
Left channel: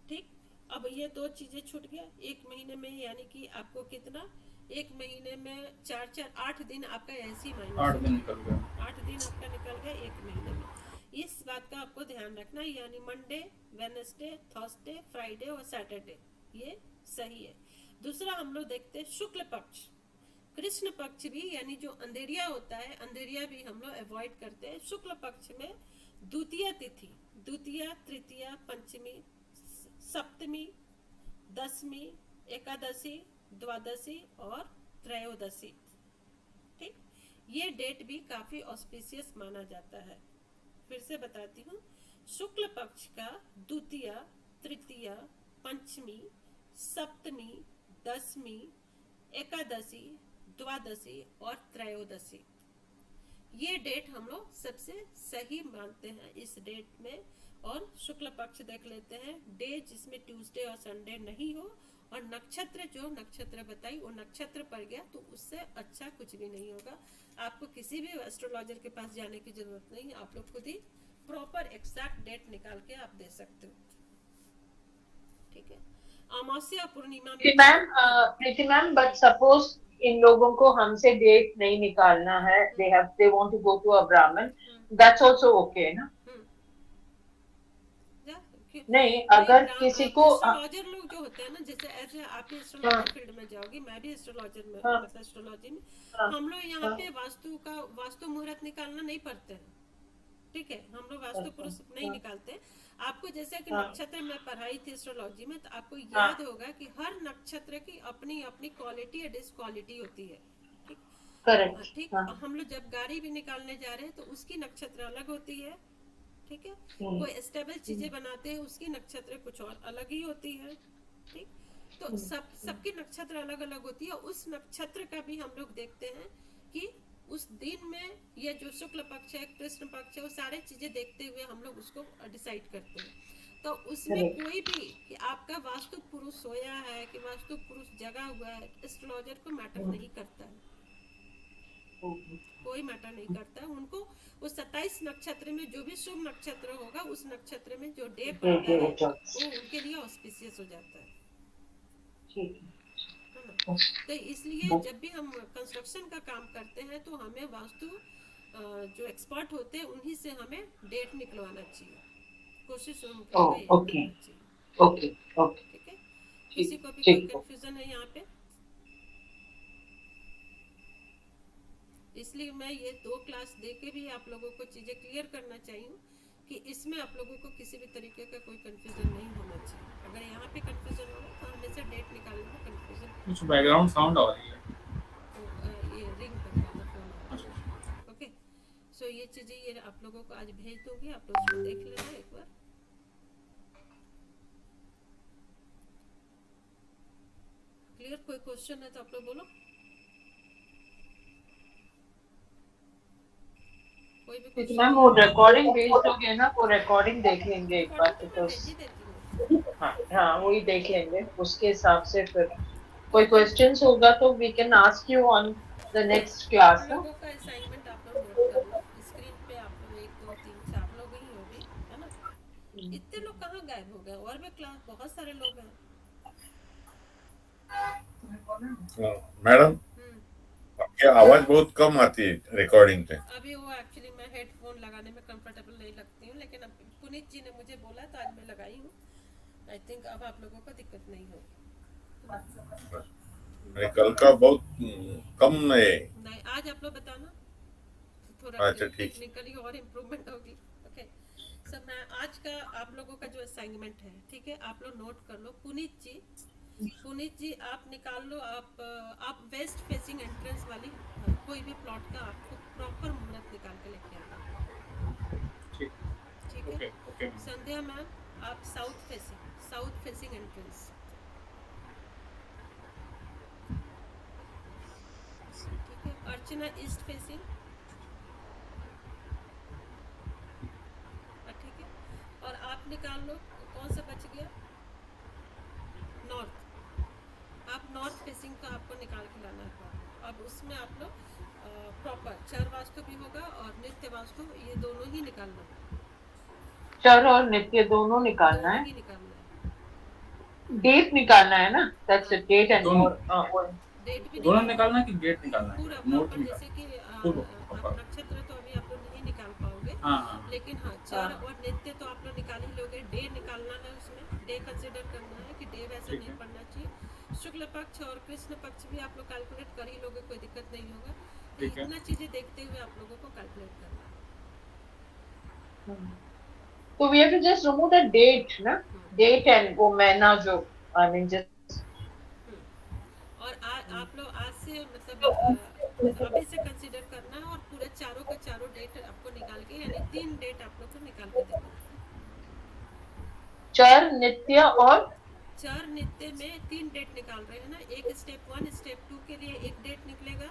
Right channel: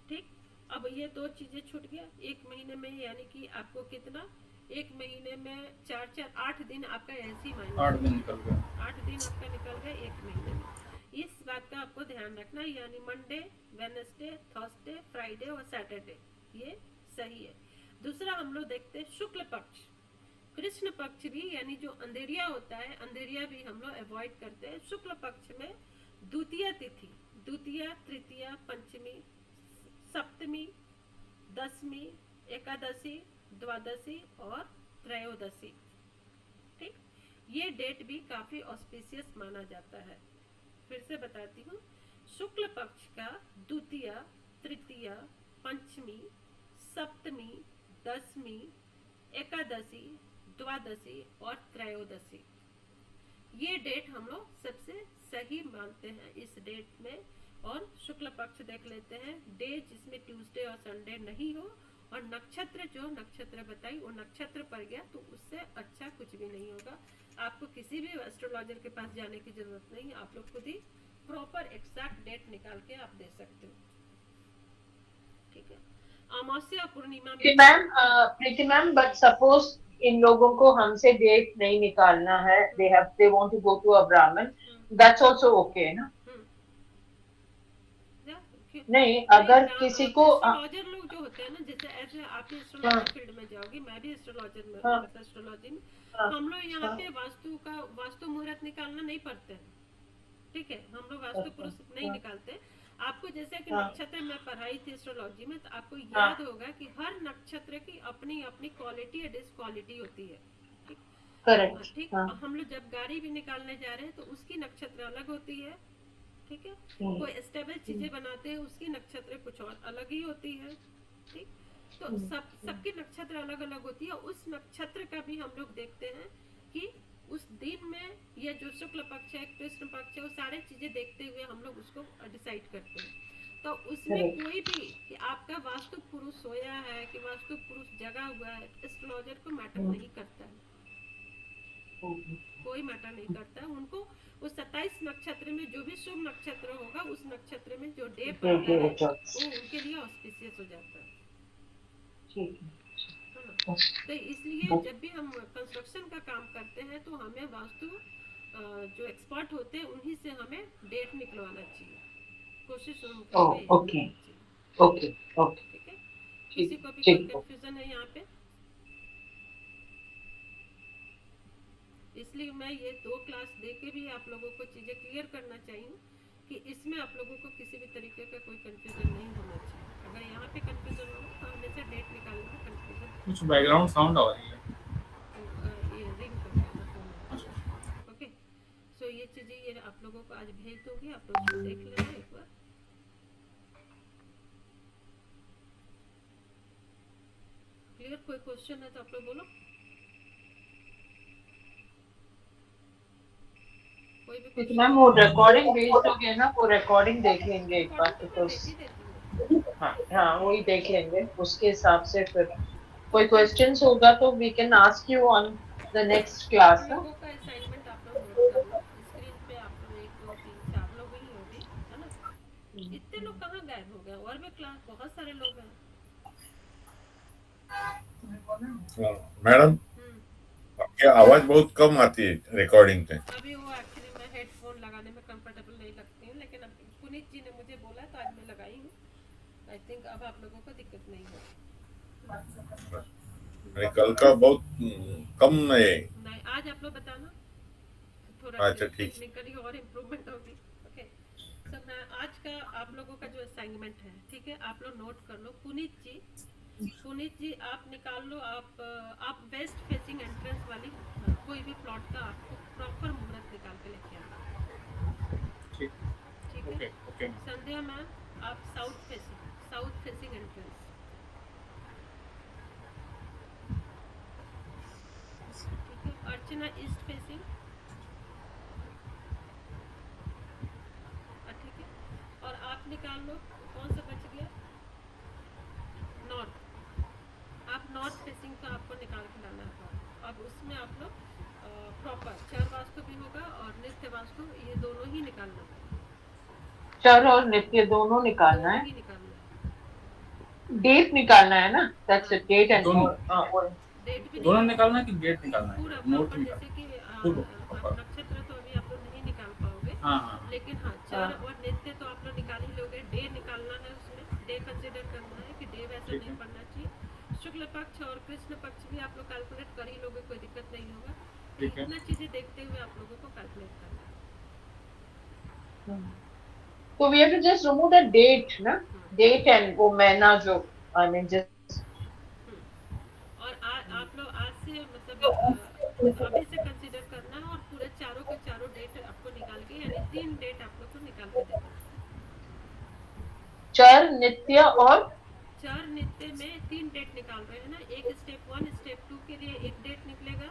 ठीक, अब ये दो चीजें छूट गया 1 महीने में, यानी कि आपको कितना 1 महीने में 4-4-8 दिन आपका ऐसे ही माइनस 8 दिन निकल गए, 8 दिन आपका निकल गया 1 महीने में। इस बात का आपको ध्यान रखना है, यानी मंडे, वेडनेसडे, थर्सडे, फ्राइडे और सैटरडे ये सही है। दूसरा हम लोग देखते हैं शुक्ल पक्ष, कृष्ण पक्ष भी, यानी जो अंधेरिया होता है, अंधेरिया भी हम लोग अवॉइड करते हैं। शुक्ल पक्ष में द्वितीय तिथि, द्वितीय, तृतीय, पंचमी, सप्तमी, दसवीं, एकादशी, द्वादशी और त्रयोदशी। ठीक, ये डेट भी काफी ऑस्पिशियस माना जाता है। फिर से बताती हूँ, शुक्ल पक्ष का द्वितीय, तृतीय, पंचमी, सप्तमी, दसवीं, एकादशी, द्वादशी और त्रयोदशी, ये डेट हम लोग सबसे सही मानते हैं इस डेट में। और शुक्ल पक्ष देख लेते हैं, डे जिसमें ट्यूसडे और संडे नहीं हो, और नक्षत्र जो नक्षत्र बताई वो नक्षत्र पर गया, तो उससे अच्छा कुछ भी नहीं होगा। आपको किसी भी एस्ट्रोलॉजर के पास जाने की जरूरत नहीं है, आप लोग खुद ही प्रॉपर एग्जैक्ट डेट निकाल के आप दे सकते हो। ठीक है, अमावस्या पूर्णिमा में प्रीति मैम, बट सपोज इन लोगों को हमसे डेट नहीं निकालना है, they want to go to a Brahmin, that's also okay ना? नहीं, अगर किसी को एस्ट्रोलॉजर लोग जो होते हैं ना, जैसे ऐसे आप भी एस्ट्रोलॉजी फील्ड में जाओगे, मैं भी एस्ट्रोलॉजर में, मतलब एस्ट्रोलॉजी में हम लोग यहाँ पे वास्तु मुहूर्त निकालना नहीं पड़ते हैं। ठीक है, हम लोग वास्तु पुरुष नहीं निकालते। आपको जैसे कि नक्षत्र में पढ़ाई थी एस्ट्रोलॉजी में, तो आपको याद होगा कि हर नक्षत्र की अपनी अपनी क्वालिटी या डिसक्वालिटी होती है। ठीक, हम लोग जब गाड़ी भी निकालने जा रहे हैं तो उसकी नक्षत्र अलग होती है। ठीक है, कोई स्टेबल चीजें बनाते हैं उसकी नक्षत्र कुछ और अलग ही होती है। ठीक, तो सबकी नक्षत्र अलग अलग होती है। उस नक्षत्र का भी हम लोग देखते हैं कि उस दिन में ये जो शुक्ल पक्ष है, कृष्ण पक्ष है, वो सारे चीजें देखते हुए हम लोग उसको डिसाइड करते हैं। तो उसमें कोई भी कि आपका वास्तु पुरुष सोया है कि वास्तु पुरुष जगा हुआ है, एस्ट्रोलॉजर को मैटर नहीं करता है, कोई मैटर नहीं करता है। उनको उस 27 नक्षत्र में जो भी शुभ नक्षत्र होगा, उस नक्षत्र में जो डे पड़ता है वो उनके लिए ऑस्पिशियस हो जाता है ना। तो इसलिए जब भी हम कंस्ट्रक्शन का काम करते हैं तो हमें वास्तु जो एक्सपर्ट होते हैं उन्हीं से हमें डेट निकलवाना चाहिए, कोशिश ओके ओके ओके। ठीक है, किसी को भी कोई कंफ्यूजन है यहाँ पे? इसलिए मैं ये 2 क्लास दे के भी आप लोगों को चीजें क्लियर करना चाहिए कि इसमें आप लोगों को किसी भी तरीके का कोई कंफ्यूजन नहीं होना चाहिए। अगर यहाँ पे कंफ्यूजन होगा तो हमेशा डेट निकालने में कंफ्यूजन। कुछ बैकग्राउंड साउंड आ रही है, ये रिंग कर रहा था फोन। ओके, सो ये चीजें ये आप लोगों को आज भेज दूंगी, आप लोग उसको देख लेना एक बार। क्लियर? कोई क्वेश्चन है तो आप लोग बोलो। मैम वो रिकॉर्डिंग भेज दोगे ना, वो रिकॉर्डिंग देख लेंगे एक बार, हाँ वही देख लेंगे, उसके हिसाब से फिर कोई क्वेश्चंस होगा तो we can ask you on the next class. लोगों का असाइनमेंट आप लोग नोट कर लो, स्क्रीन पे आप लोग 1 2 3 4 लोग ही हो भी, है ना? इतने लोग कहाँ गायब हो गए? और भी क्लास बहुत सारे लोग हैं। मैडम, आपकी आवाज बहुत कम आती है रिकॉर्डिंग पे। अभी वो एक्चुअली मैं हेडफोन लगाने में कंफर्टेबल नहीं लगती हूँ, लेकिन अब पुनीत जी ने मुझे बोला तो आज मैं लगाई हूँ। आई थिंक अब आप लोगों को दिक्कत नहीं होगी। नहीं, कल का बहुत कम है। नहीं, आज आप लोग बताना तो थोड़ा अच्छा, ठीक। टेक्निकली और इम्प्रूवमेंट होगी। ओके, सो मैं आज का आप लोगों का जो असाइनमेंट है, ठीक है, आप लोग नोट कर लो। पुनीत जी आप निकाल लो, आप वेस्ट फेसिंग एंट्रेंस वाली कोई भी प्लॉट का आपको प्रॉपर मुहूर्त निकाल के लेके आना। ठीक ठीक है। Okay okay ma'am. Sandhya ma'am आप साउथ फेसिंग एंट्रेंस। ठीक है। Archana east facing. ठीक है। और आप निकाल लो कौन सा बच गया, नॉर्थ। आप नॉर्थ फेसिंग का आपको निकाल के लाना है। अब उसमें आप लोग प्रॉपर चर वास्तु भी होगा और नित्य वास्तु, ये दोनों ही निकालना है। चर और नित्य दोनों निकालना दोनों है, ही निकालना है। डेट निकालना है ना, दैट्स इट, डेट एंड दोनों। डेट भी दोनों निकालना निकालना है कि डेट निकालना है? पूरा नोट प्रॉपर, निकालना जैसे कि पूरा आप proper। नक्षत्र तो अभी आप लोग नहीं निकाल पाओगे, हाँ हाँ लेकिन हाँ चर और नित्य तो आप लोग निकाल ही लोगे। डे निकालना है, उसमें डे कंसिडर करना है कि डे वैसा ठीक नहीं है। पड़ना चाहिए। शुक्ल पक्ष और कृष्ण पक्ष भी आप लोग कैलकुलेट कर ही लोगे, कोई दिक्कत नहीं होगा। तो ठीक है। इतना चीजें देखते हुए आप लोगों को कैलकुलेट करना है। तो we have to just remove the date ना, डेट एंड वो महीना जो, आई मीन जस्ट। और आप लोग आज से मतलब अभी से कंसीडर करना है, और पूरे चारों के चारों डेट आपको निकाल के, यानी 3 डेट आप लोग को निकाल के देना है। चर, नित्य और चर नित्य में 3 डेट निकाल रहे हैं ना। एक स्टेप 1 स्टेप 2 के लिए एक डेट निकलेगा,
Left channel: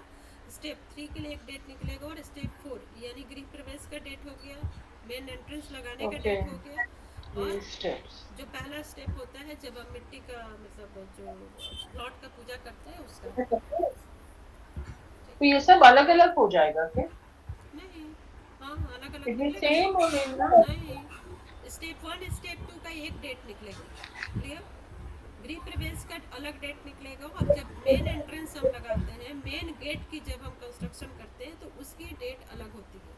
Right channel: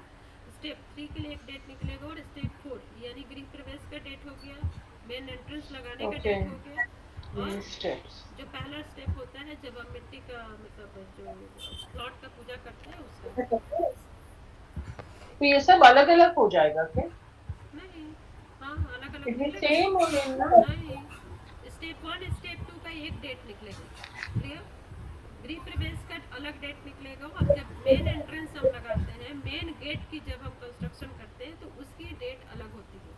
स्टेप 3 के लिए एक डेट निकलेगा, और स्टेप 4 यानी गृह प्रवेश का डेट हो गया, मेन एंट्रेंस लगाने का डेट हो गया। और जो पहला स्टेप होता है जब हम मिट्टी का मतलब जो प्लॉट का पूजा करते हैं उसका। तो ये सब अलग अलग हो जाएगा क्या? नहीं, हाँ अलग अलग इट इज निकलेगा। सेम ना? नहीं, स्टेप 1 स्टेप 2 का एक डेट निकलेगा, क्लियर। गृह प्रवेश का अलग डेट निकलेगा। अब जब मेन एंट्रेंस हम लगाते हैं, मेन गेट की जब हम कंस्ट्रक्शन करते हैं तो उसकी डेट अलग होती है।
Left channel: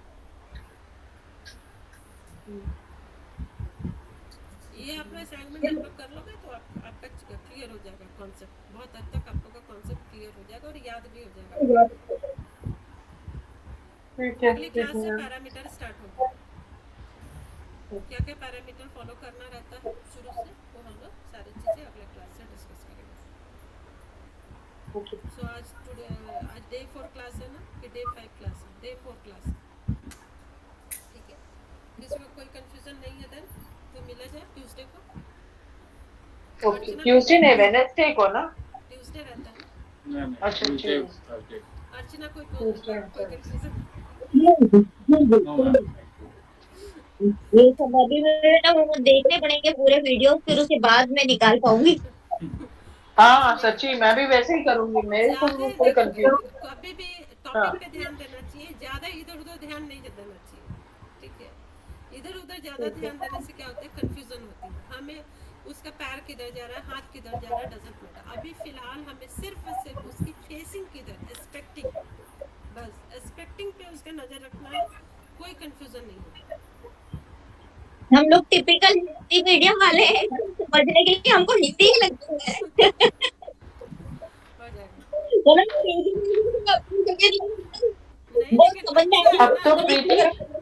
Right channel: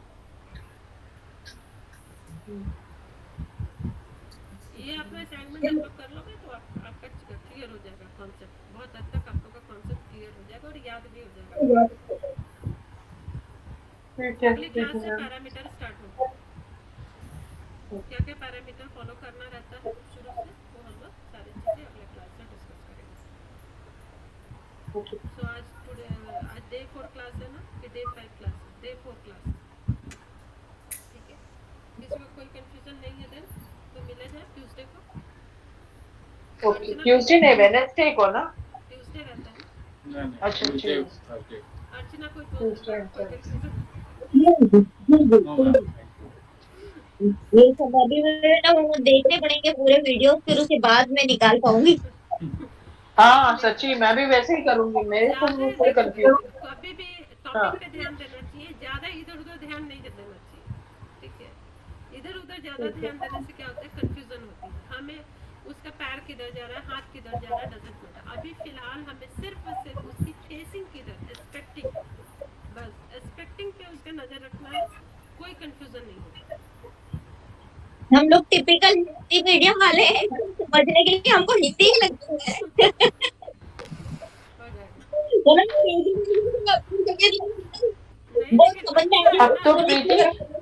ये आप लोग असाइनमेंट आप लोग कर लोगे तो आपका क्लियर हो जाएगा कॉन्सेप्ट, बहुत हद तक आप लोग का कॉन्सेप्ट क्लियर हो जाएगा और याद भी हो जाएगा। अगली क्लास से पैरामीटर स्टार्ट होगा। क्या क्या पैरामीटर फॉलो करना रहता है शुरू से, वो हम लोग सारी चीजें अगले क्लास से डिस्कस करेंगे। सो आज डे 4 क्लास है ना कि डे 5 क्लास है? डे 4 क्लास, ठीक है। किसी को कोई कंफ्यूजन नहीं है देन तो मिला जाए ट्यूसडे को। ओके, ट्यूसडे नहीं, वेडनेसडे को ना? ट्यूसडे रहता है ना। नहीं अच्छा, ट्यूसडे ठीक। थर्सडे। अर्चना कोई Tuesday, कंफ्यूजन? No ma'am. ये सब अभी मेरे ना वो देखने पड़ेंगे पूरे वीडियो, फिर उसके बाद मैं निकाल पाऊंगी। हाँ सच्ची, मैं भी वैसे ही करूंगी, मेरे को ज्यादा कोई देखो, कंफ्यूजन। कभी भी हाँ। टॉपिक पे ध्यान देना चाहिए, ज्यादा इधर उधर ध्यान नहीं देना चाहिए, ठीक है। इधर उधर ज्यादा ध्यान देने से क्या होता है, कंफ्यूजन होती है हमें। उसका पैर किधर जा रहा है, हाथ किधर जा रहा है, डजंट मैटर। अभी फिलहाल हमें सिर्फ और सिर्फ उसकी फेसिंग किधर, एस्पेक्टिंग, बस एस्पेक्टिंग पे उसका नजर रखना है, कोई कंफ्यूजन नहीं होगा। हम लोग टिपिकल हिंदी मीडियम वाले हैं, समझने के लिए हमको हिंदी ही लगती है। हो जाएगा। वो लोग हिंदी नहीं बहुत लेकिन समझ में अच्छा है अब ना, तो मतलब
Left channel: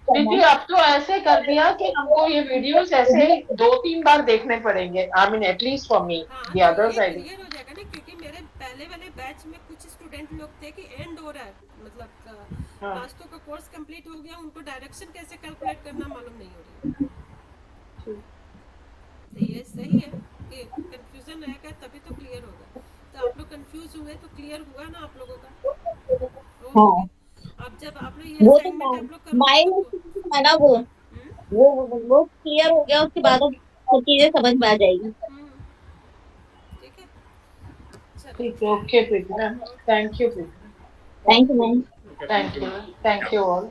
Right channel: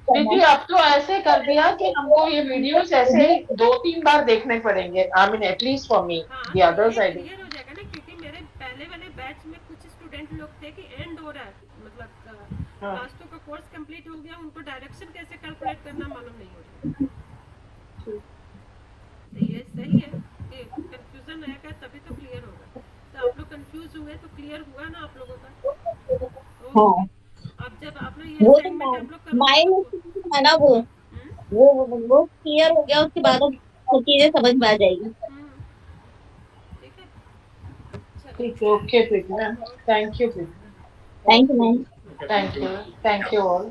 प्रीति अब तो ऐसे कर दिया कि हमको ये वीडियोस ऐसे ही 2-3 बार देखने पड़ेंगे, I mean at least for me, हाँ द तो अदर ये साइड। क्लियर हो जाएगा ना, क्योंकि मेरे पहले वाले बैच में कुछ स्टूडेंट लोग थे कि एंड हो रहा है, मतलब हाँ। वास्तु का कोर्स कंप्लीट हो गया, उनको डायरेक्शन कैसे कैलकुलेट करना मालूम नहीं हो रही। तो ये सही है कि कंफ्यूजन रहेगा तभी तो क्लियर होगा। तो आप लोग कंफ्यूज हुए तो क्लियर हुआ ना आप लोगों का। हाँ, अब जब आप लोग ये वो तो असाइनमेंट आप लोग करोगे माइंड तो है ना वो क्लियर हो गया, उसके बाद अब वो चीजें समझ में आ जाएगी। ठीक है, चलो ठीक है, okay Preeti, thank you Preeti, thank you ma'am. Okay, thank you all.